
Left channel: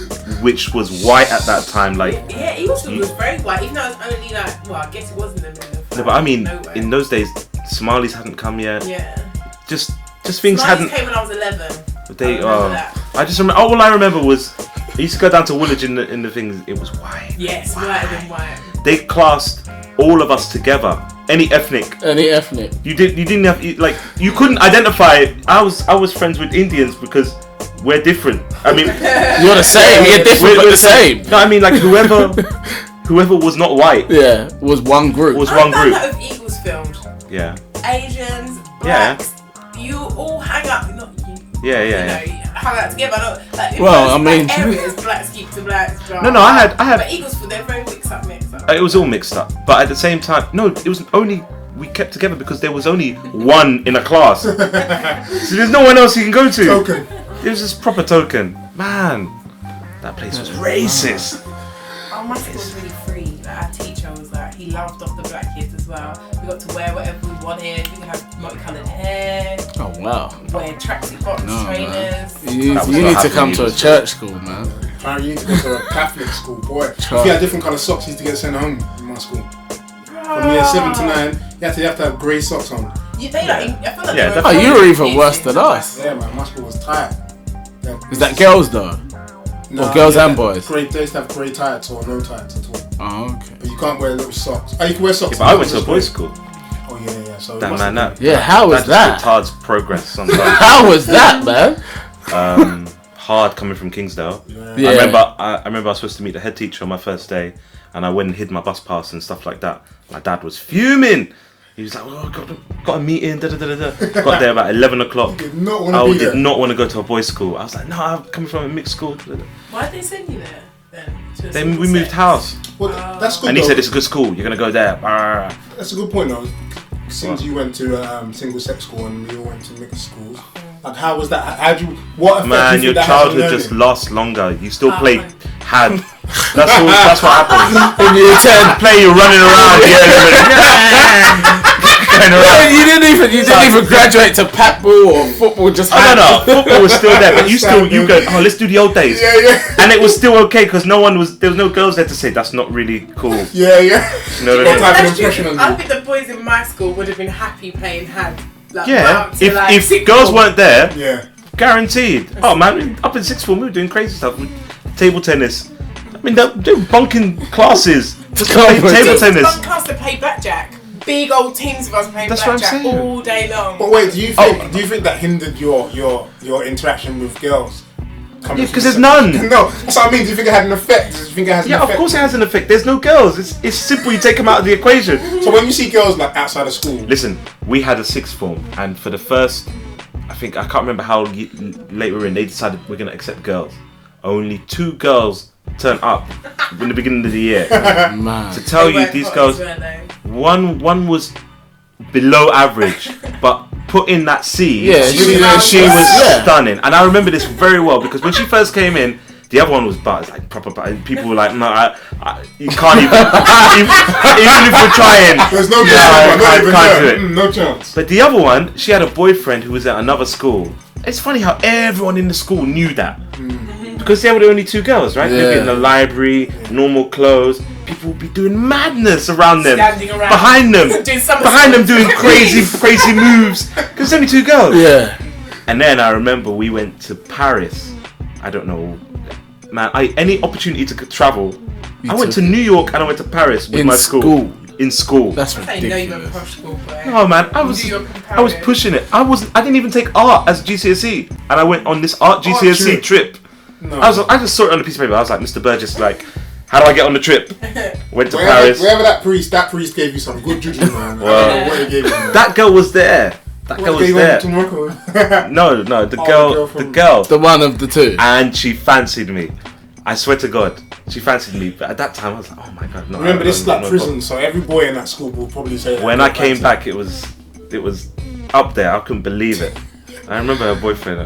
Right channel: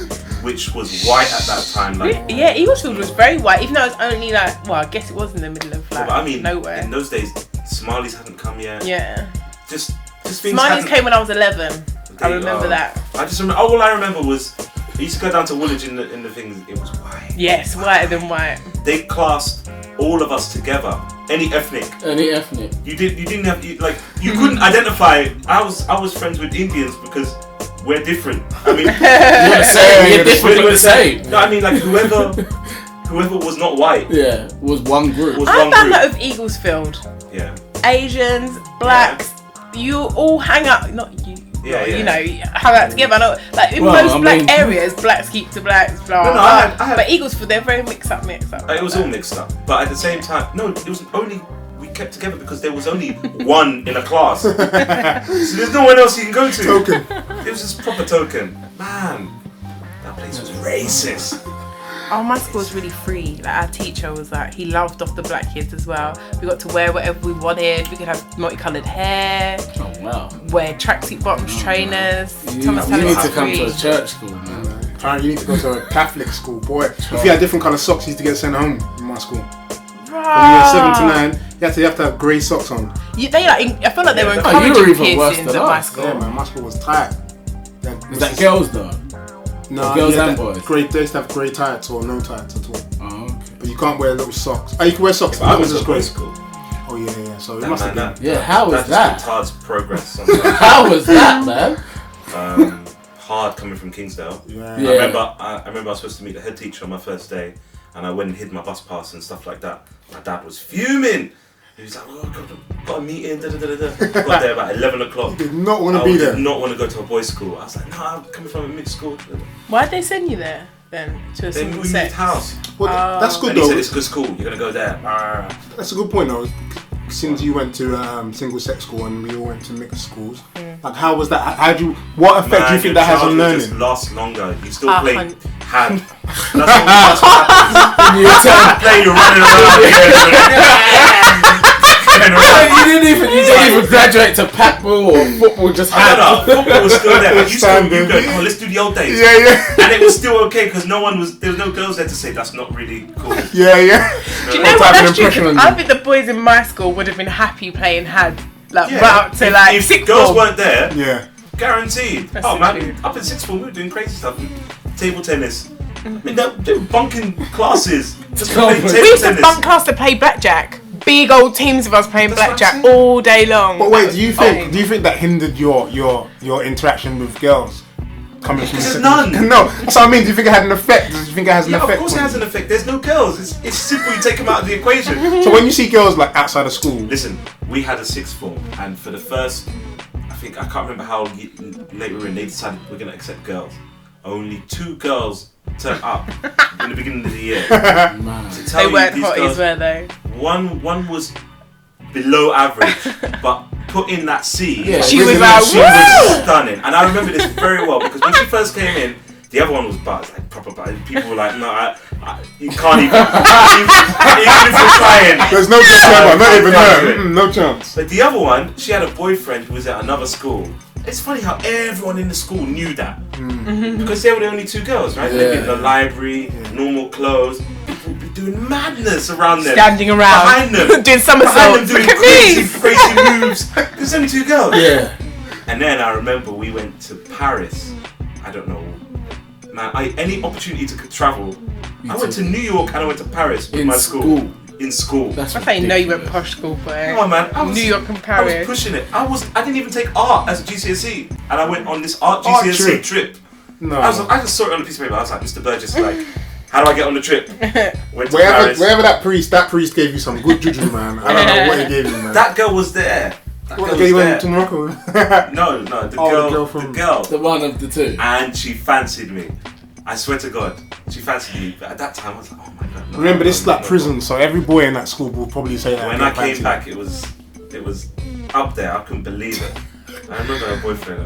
which was white at that time. Like, Yeah, Eaglesfield was very white, even though it was only like, well, I guess it was in the middle of yeah, like, but I mean, nowhere. in those days, Somalis hadn't come yet. Yeah. Just things Smileys hadn't. came when I was 11. I remember that. I just remember. All I remember was I used to go down to Woolwich in the things. It was white. Yes, whiter than white. They classed all of us together. Any ethnic. Any ethnic. You didn't have you couldn't identify. I was friends with Indians because we're different. I mean, You're the same. You're different, but the same. No, I mean like whoever was not white Yeah, was one group. was I one found group. that with Eaglesfield. Yeah, Asians, blacks, you all hang out, not you. yeah. You know, hang out together. Like in Well, most I mean- black areas, blacks keep to blacks. Blah, No, blah. I had. But Eaglesfield, they're very mixed up. It was all mixed up, but at the same time, no, it was only we kept together because there was only one in a class. So there's no one else you can go to. Token. It was just proper token. Man, that place was racist. Oh, my school was really free. Like our teacher was like, he loved off the black kids as well. We got to wear whatever we wanted. We could have multicolored hair, Oh wow. wear tracksuit box trainers. You need to come to a church school, man. Apparently, you need to go to a Catholic school, boy. If you had different colour socks, you used to get sent home in my school. From year 7 to 9, you have to have grey socks on. They like, I feel like they were. Oh, you were even encouraging worse kids than into my us. school. Yeah, man, my school was tight. Yeah, Is that girls though? No, girls and boys? Grey, they used to have grey tights or no tights at all. Oh, okay. But you can't wear little socks. Oh, you can wear socks. I went to a That's boys' great. school. Oh yeah. So it That must man, have that. Yeah, how was That's that? retard's progress sometimes. How was that, man? Hard coming from Kingsdale. been. Yeah. I remember I was supposed to meet the head teacher on my first day, and I went and hid my bus pass and stuff like that. My dad was fuming. He was like, "Oh, got a meeting." Da, da, da, da. Got there about 11 o'clock. Did not want to I be did there. not want to go to a boys' school. I was like, "No, I'm coming from a mixed school." Why'd they send you there then? To a Then single we moved sex? house, Well, that's good and he though. said, "It's a good school. You're gonna go there." That's a good point though. Since you went to single sex school and we all went to mixed schools, like how was that? What effect do you Man, think your that has on childhood just learning? lasts longer. You still play hun- had. That's what happens. In year 10. Play, you're running around here. You didn't even graduate to pat ball or football. Just had. No, football was still there, but you go, "Oh, let's do the old days." Yeah. And it was still okay because there was no girls there to say that's not really cool. Yeah. You know You what know I mean? what, type of that's impression true. on I you? think the boys in my school would have been happy playing hand. Like, right Yeah, up to like if sixth girls form. weren't there, Yeah. guaranteed. Oh man, up in sixth form we were doing crazy stuff, table tennis. I mean, they're bunking classes. Come on. We Table used to tennis. bunk class to play blackjack. Big old teams of us playing That's what I'm blackjack saying. all day long. But wait, do you think that hindered your interaction with girls? Coming from Because there's secondary- none. No, that's what I mean. Do you think it had an effect? Do you think it has an Yeah, of effect? course it has an effect. There's no girls. It's simple. You take them out of the equation. So when you see girls like outside of school, Listen, we had a sixth form, and for the first, I can't remember how late we were in, they decided we're going to accept girls. Only 2 girls turned up in the beginning of the year. Man. To tell They you, weren't these hotties, girls, were they? one was below average, but put in that C, Yeah, She you was know, like, she was stunning. And I remember this very well because when she first came in, the other one was bad, like proper bad. People were like, "No, you can't even, even if you're trying." there's no chance. Not even can't do her. it. No chance. But the other one, she had a boyfriend who was at another school. It's funny how everyone in the school knew that. Because they were the only 2 girls, right? They'd be in the library, normal clothes. People would be doing madness around them. Standing around. Behind them. Doing somersaults. Behind them doing Look at crazy moves. Because there's only 2 girls. Yeah. And then I remember we went to Paris. I don't know. Man, any opportunity to travel. I went to New York and I went to Paris with In my school. In school. That's That's how you know you went ridiculous. posh school, boy. Oh man, New York and I was Paris. pushing it. I didn't even take art as a GCSE, and I went on this art Art GCSE trip. No. I just saw it on a piece of paper. I was like, Mr. Burgess, like, how do I get on the trip? Went to Paris. Wherever that priest gave you some good juju, man. I don't know what he gave you, man. That girl was there. That What, girl the girl you was went to there. Morocco? No, the girl. The one of the two. And she fancied me. I swear to God, she fancied me. But at that time, I was like, oh my God. No, Remember, this is like no, prison, so every boy in that school will probably say that. When I came back, it was up there. I couldn't believe it. I remember her boyfriend.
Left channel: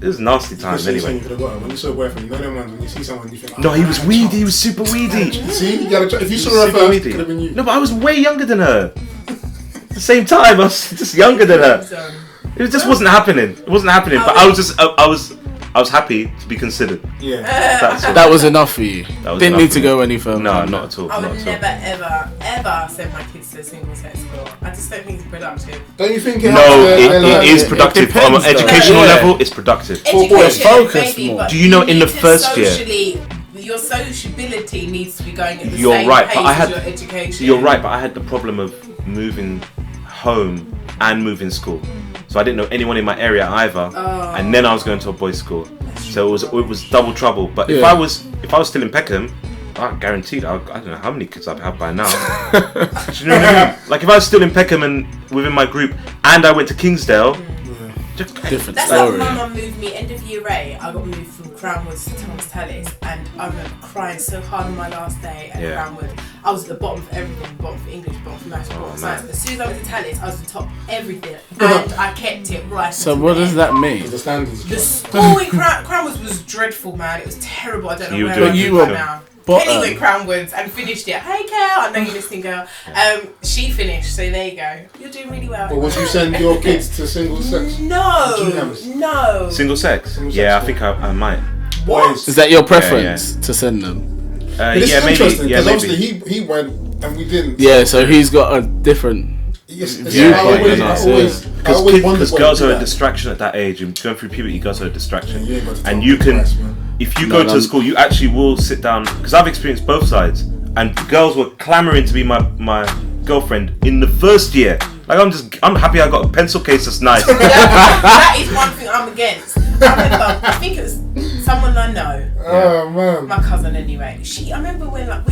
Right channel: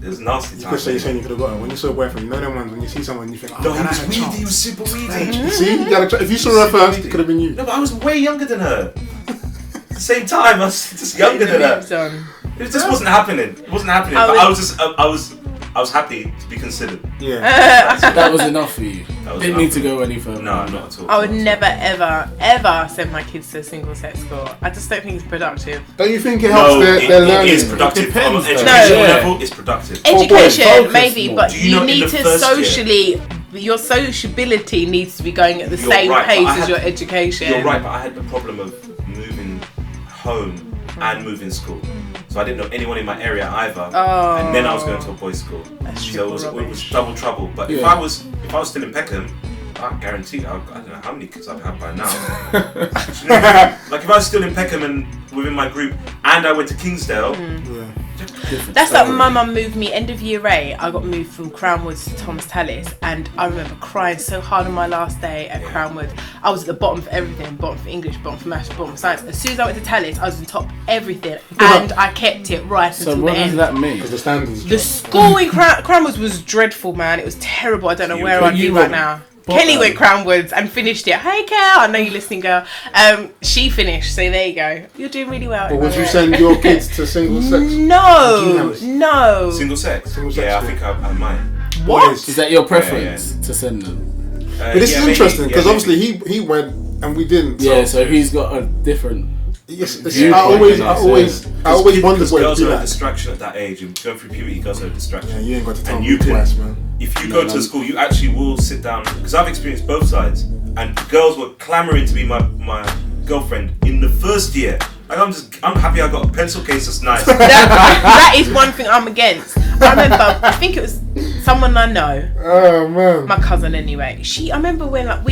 It was nasty You could times. say Anyway. you could have got her. When you saw a boyfriend, you know them ones when you see someone, you think, oh, No, he man, was I had a weedy. chance. He was super weedy. See, you gotta try. If you saw her Super first, weedy. it could have been you. No, but I was way younger than her. At the same time, I was just younger than her. It just wasn't happening. It wasn't happening. But I was happy to be considered. Yeah. That was enough for you. was Didn't enough need for to me. go any further. No, not at all. I would not at all. never, ever send my kids to a single sex school. I just don't think it's productive. Don't you think it helps No, their it learning? is productive. It depends, On an though. educational Yeah. level, it's productive. Education, focus maybe, more. but Do you know in need the to first year- socially, your sociability needs to be going at the You're same right, but pace I as had- your education. You're right, but I had the problem of moving home and moving school, so I didn't know anyone in my area either. Oh. And then I was going to a boys' school, so it was double trouble. But if Yeah. I was still in Peckham, I guaranteed I don't know how many kids I'd have by now. Do you know what I mean? Like if I was still in Peckham and within my group, and I went to Kingsdale. Different That's story. like my mum moved me end of year 8. I got moved from Crownwoods to Thomas Tallis, and I remember crying so hard on my last day at Yeah. Crownwoods. I was at the bottom for everything, bottom for English, bottom for maths, bottom for science. As soon as I went to Tallis, I was on top of everything, and I kept it right. So until what the does end. that mean? The standards. The school in Crownwoods was dreadful, man. It was terrible. I don't know You where were I'd be you right were now. bottom. Kelly went Crownwoods and finished it. Hey, Kel, I know you're listening, girl. She finished, so there you go. You're doing really well. But would you send your kids to single sex? No, GMs? no. Single sex? Single sex, yeah, I yeah. think I might. Boys. Is that your preference to send them? But this yeah, is maybe, interesting because yeah, obviously he went and we didn't. Yeah, so he's got a different. Yes, Viewpoint I always in us, wondered Because why girls you do are a that. distraction at that age, and going through puberty, girls are a distraction. Yeah, you ain't got to tell and me you can, twice, man. if you No, go to no. a school, you actually will sit down. Because I've experienced both sides, and girls were clamoring to be my girlfriend in the first year. Like I'm happy I got a pencil case that's nice. That is one thing I'm against. I remember, I think it was someone I know, Oh man. my cousin anyway. I remember when I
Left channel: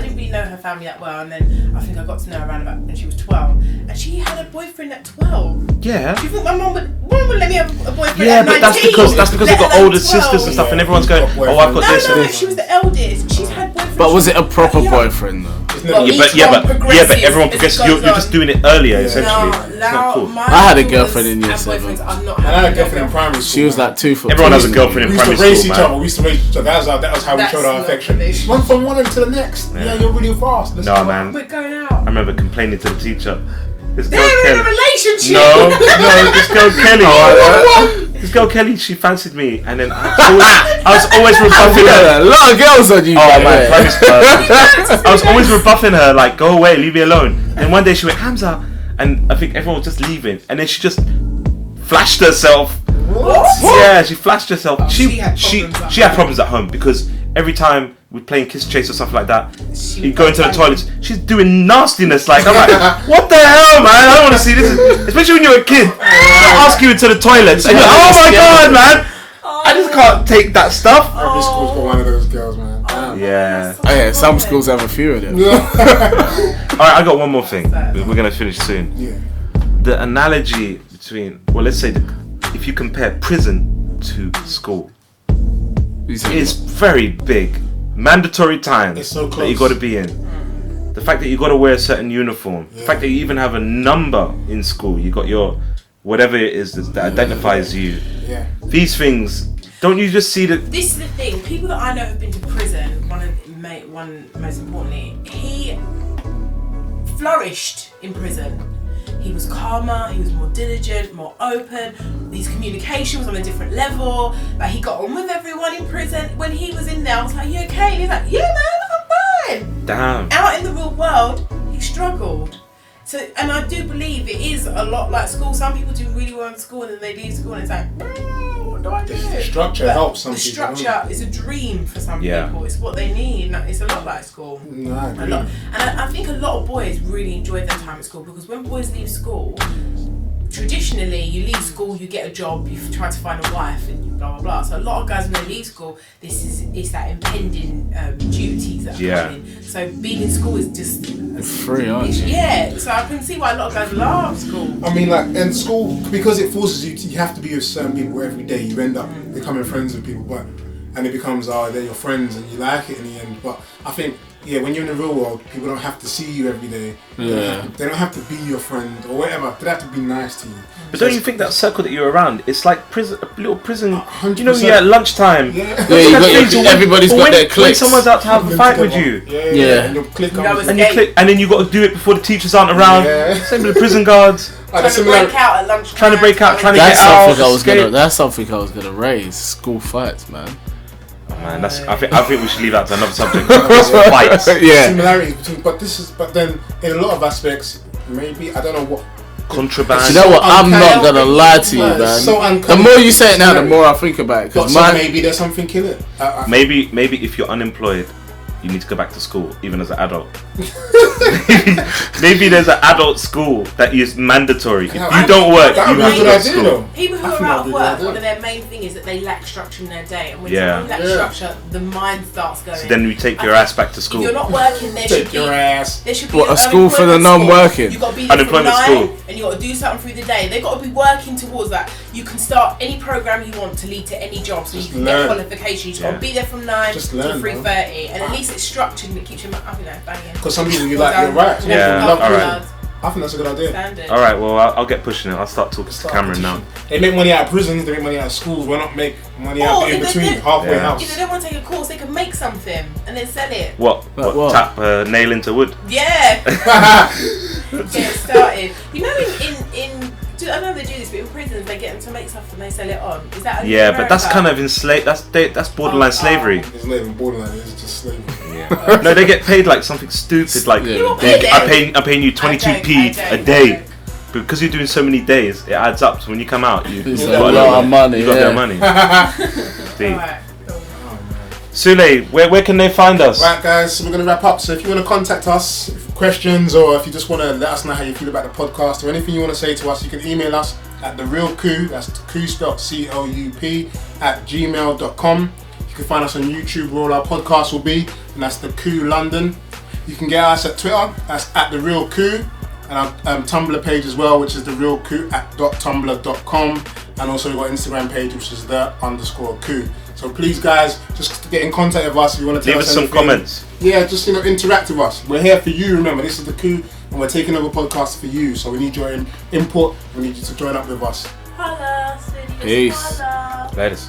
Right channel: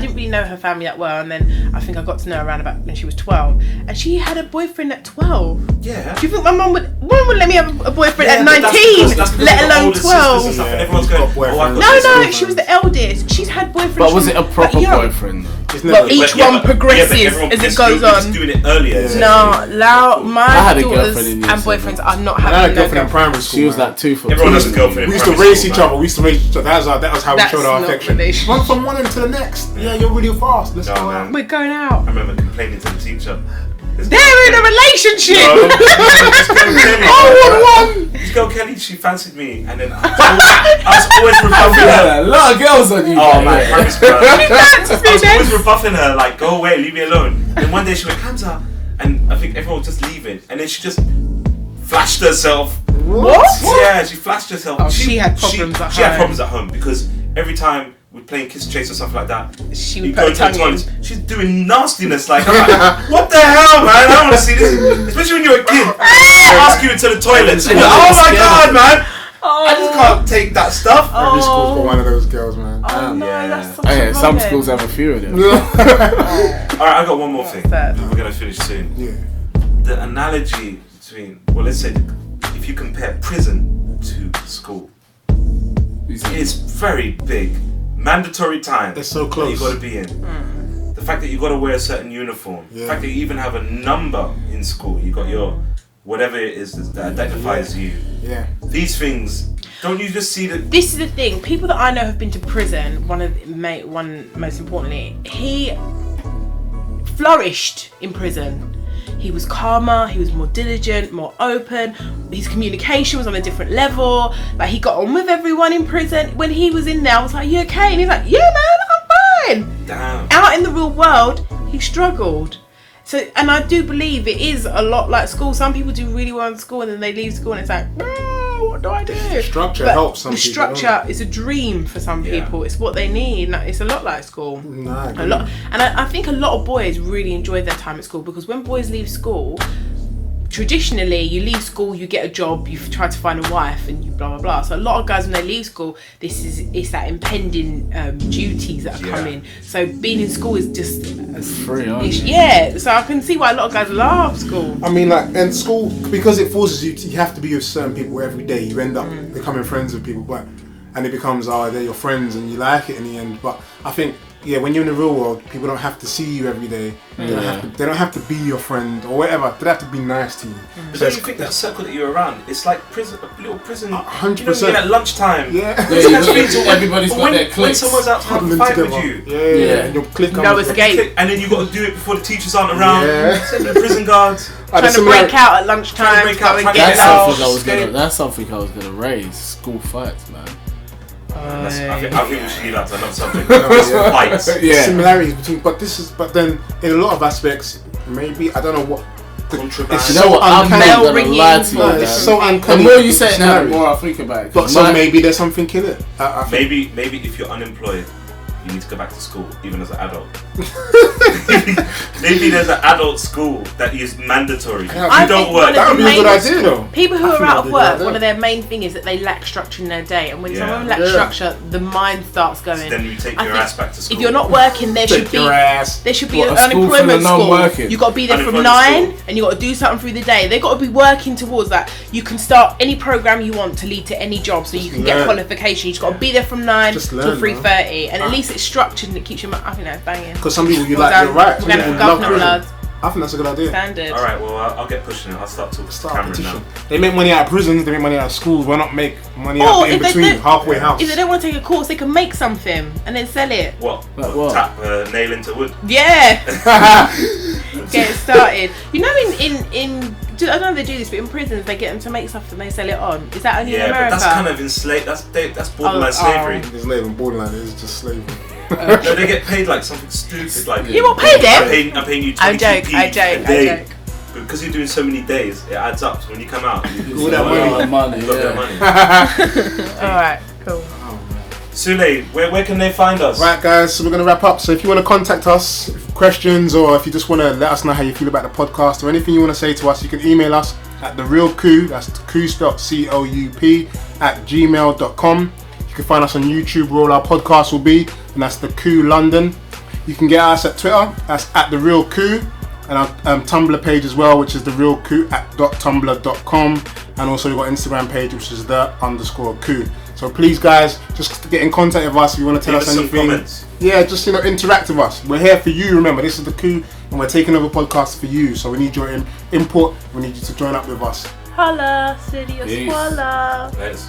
didn't really know her family that well, and then I think I got to know her around about when she was 12, and she had a boyfriend at 12. Yeah. Do you think my mum would let me have a boyfriend Yeah, at 19? but that's because let I've got alone older 12. sisters and stuff, and Yeah, everyone's who's going, got oh, I've boyfriends? got this. No, and- she was the eldest. She's had boyfriends. But was it a proper Yeah. boyfriend though? It's Well, never. each one progresses everyone as it progresses. goes You're just on. doing it earlier. Yeah. essentially. No, now Cool. my I had a daughters girlfriend in year and 7. boyfriends. I've not I had had a no girlfriend in primary school. She was man. like 2 foot. Everyone has a two. girlfriend. We used to primary race school, each man. other. We used to race each other. That was how we That's showed our not affection. relationship. One from one end to the next. Yeah, you're really fast. Let's No, go man. out. We're going I out. remember complaining to the teacher. This girl They're in a Kelly- relationship. No, this girl Kelly. This girl Kelly, she fancied me, and then I was always rebuffing her. A lot of girls on you. Oh by the my way. God. I was always rebuffing her, like, go away, leave me alone. And one day she went, Hamza, and I think everyone was just leaving, and then she just flashed herself. What? Yeah, she flashed herself. she had problems at she had home. problems at home because every time we're playing kiss chase or something like that, She you would go go into the tonguing. toilets, she's doing nastiness. Like, I'm like, what the hell, man? I don't want to see this. Especially when you're a kid. I ask you into the toilets, and you're like, oh my God, man. I just can't take that stuff. Every school's got one of those girls, man. Oh, no, Yeah. that's so Oh yeah, some funny. schools have a few of them. Alright, I got one more thing. that? We're going to finish soon. Yeah. The analogy between, well, let's say, if you compare prison to school, it's very big. Mandatory time It's so that close. you got to be in. The fact that you got to wear a certain uniform. The Yeah. fact that you even have a number in school. You got your whatever it is that identifies you. Yeah. These things. Don't you just see that? This is the thing. People that I know have been to prison. One most importantly, he flourished in prison. He was calmer. He was more diligent, more open. His communication was on a different level. Like he got on with everyone in prison. When he was in there, I was like, "You okay?" And he's like, "Yeah, man, I'm fine." Damn. Out in the real world, he struggled. So, and I do believe it is a lot like school. Some people do really well in school and then they leave school and it's like, what do I do? The structure helps some the people, structure doesn't it? is a dream for some Yeah. people. It's what they need. It's a lot like school. No, I agree. A lot, and I think a lot of boys really enjoy their time at school because when boys leave school, traditionally, you leave school, you get a job, you try to find a wife, and you blah blah blah. So a lot of guys, when they leave school, it's that impending duties that are coming. So being in school is just free, aren't you? Yeah. So I can see why a lot of guys love school. I mean, like, and school, because it forces you, you have to be with certain people every day. You end up becoming friends with people, and it becomes, they're your friends, and you like it in the end. But I think, when you're in the real world, people don't have to see you every day. They don't have to be your friend or whatever. They don't have to be nice to you. But don't you think that circle that you're around, it's like prison, a little prison. 100%. You know, you're at lunchtime. Everybody's got their When cliques. someone's out to have a fight with you. And you'll click on And then you got to do it before the teachers aren't around. Same with the prison guards. Trying to break out at lunchtime. Trying to break out. That's something I was gonna raise. School fights, man. I think we should leave that to another subject. Fights. Similarities between, but then in a lot of aspects, maybe I don't know what. Contraband. You know what? I'm not gonna lie to you, man. So the more you say it now, the more I think about it. But so maybe there's something in it. Maybe if you're unemployed, you need to go back to school, even as an adult. Maybe there's an adult school that is mandatory. You don't work. That would be a good idea, though. People who are out of work, one of their main thing is that they lack structure in their day, and when someone lacks structure, the mind starts going. So then you take your ass back to school. If you're not working, there should be a school for the non-working. You got to be there from 9, and you got to do something through the day. They got to be working towards that. You can start any program you want to lead to any job, so you can get qualifications. You got to be there from 9 to 3:30, and at least it's structured and it keeps your banging. Because some people you're right. Some people love prison. I think that's a good idea. Standard. Alright, well, I'll get pushing it. I'll start talking to Cameron now. They make money out of prisons, they make money out of schools. Why not make money out in between, halfway house? If they don't want to take a course, they can make something and then sell it. What? Tap nail into wood? Yeah. Get it started. You know, I don't know if they do this, but in prisons they get them to make stuff and they sell it on. Is that only in but that's kind of enslaved. That's borderline slavery. It's not even borderline. It's just slavery. No, they get paid like something stupid. Like you got paid then? I'm paying you 22p a day. But because you're doing so many days, it adds up. So when you come out, you got a lot of money. Alright, cool. Sule, where can they find us? Right, guys, so we're going to wrap up. So if you want to contact us, questions, or if you just want to let us know how you feel about the podcast or anything you want to say to us, you can email us at therealcoup, that's Coup spelled COUP, @gmail.com. You can find us on YouTube, where all our podcasts will be, and that's the Coup London. You can get us at Twitter, that's @therealcoup, and our Tumblr page as well, which is therealcoup@tumblr.com, and also we've got Instagram page, which is _coup. So please, guys, just get in contact with us if you want to tell us anything. Some comments. Yeah, just interact with us. We're here for you. Remember, this is the Coup, and we're taking over podcasts for you. So we need your input. We need you to join up with us. Holla, Peace. Holla. Peace.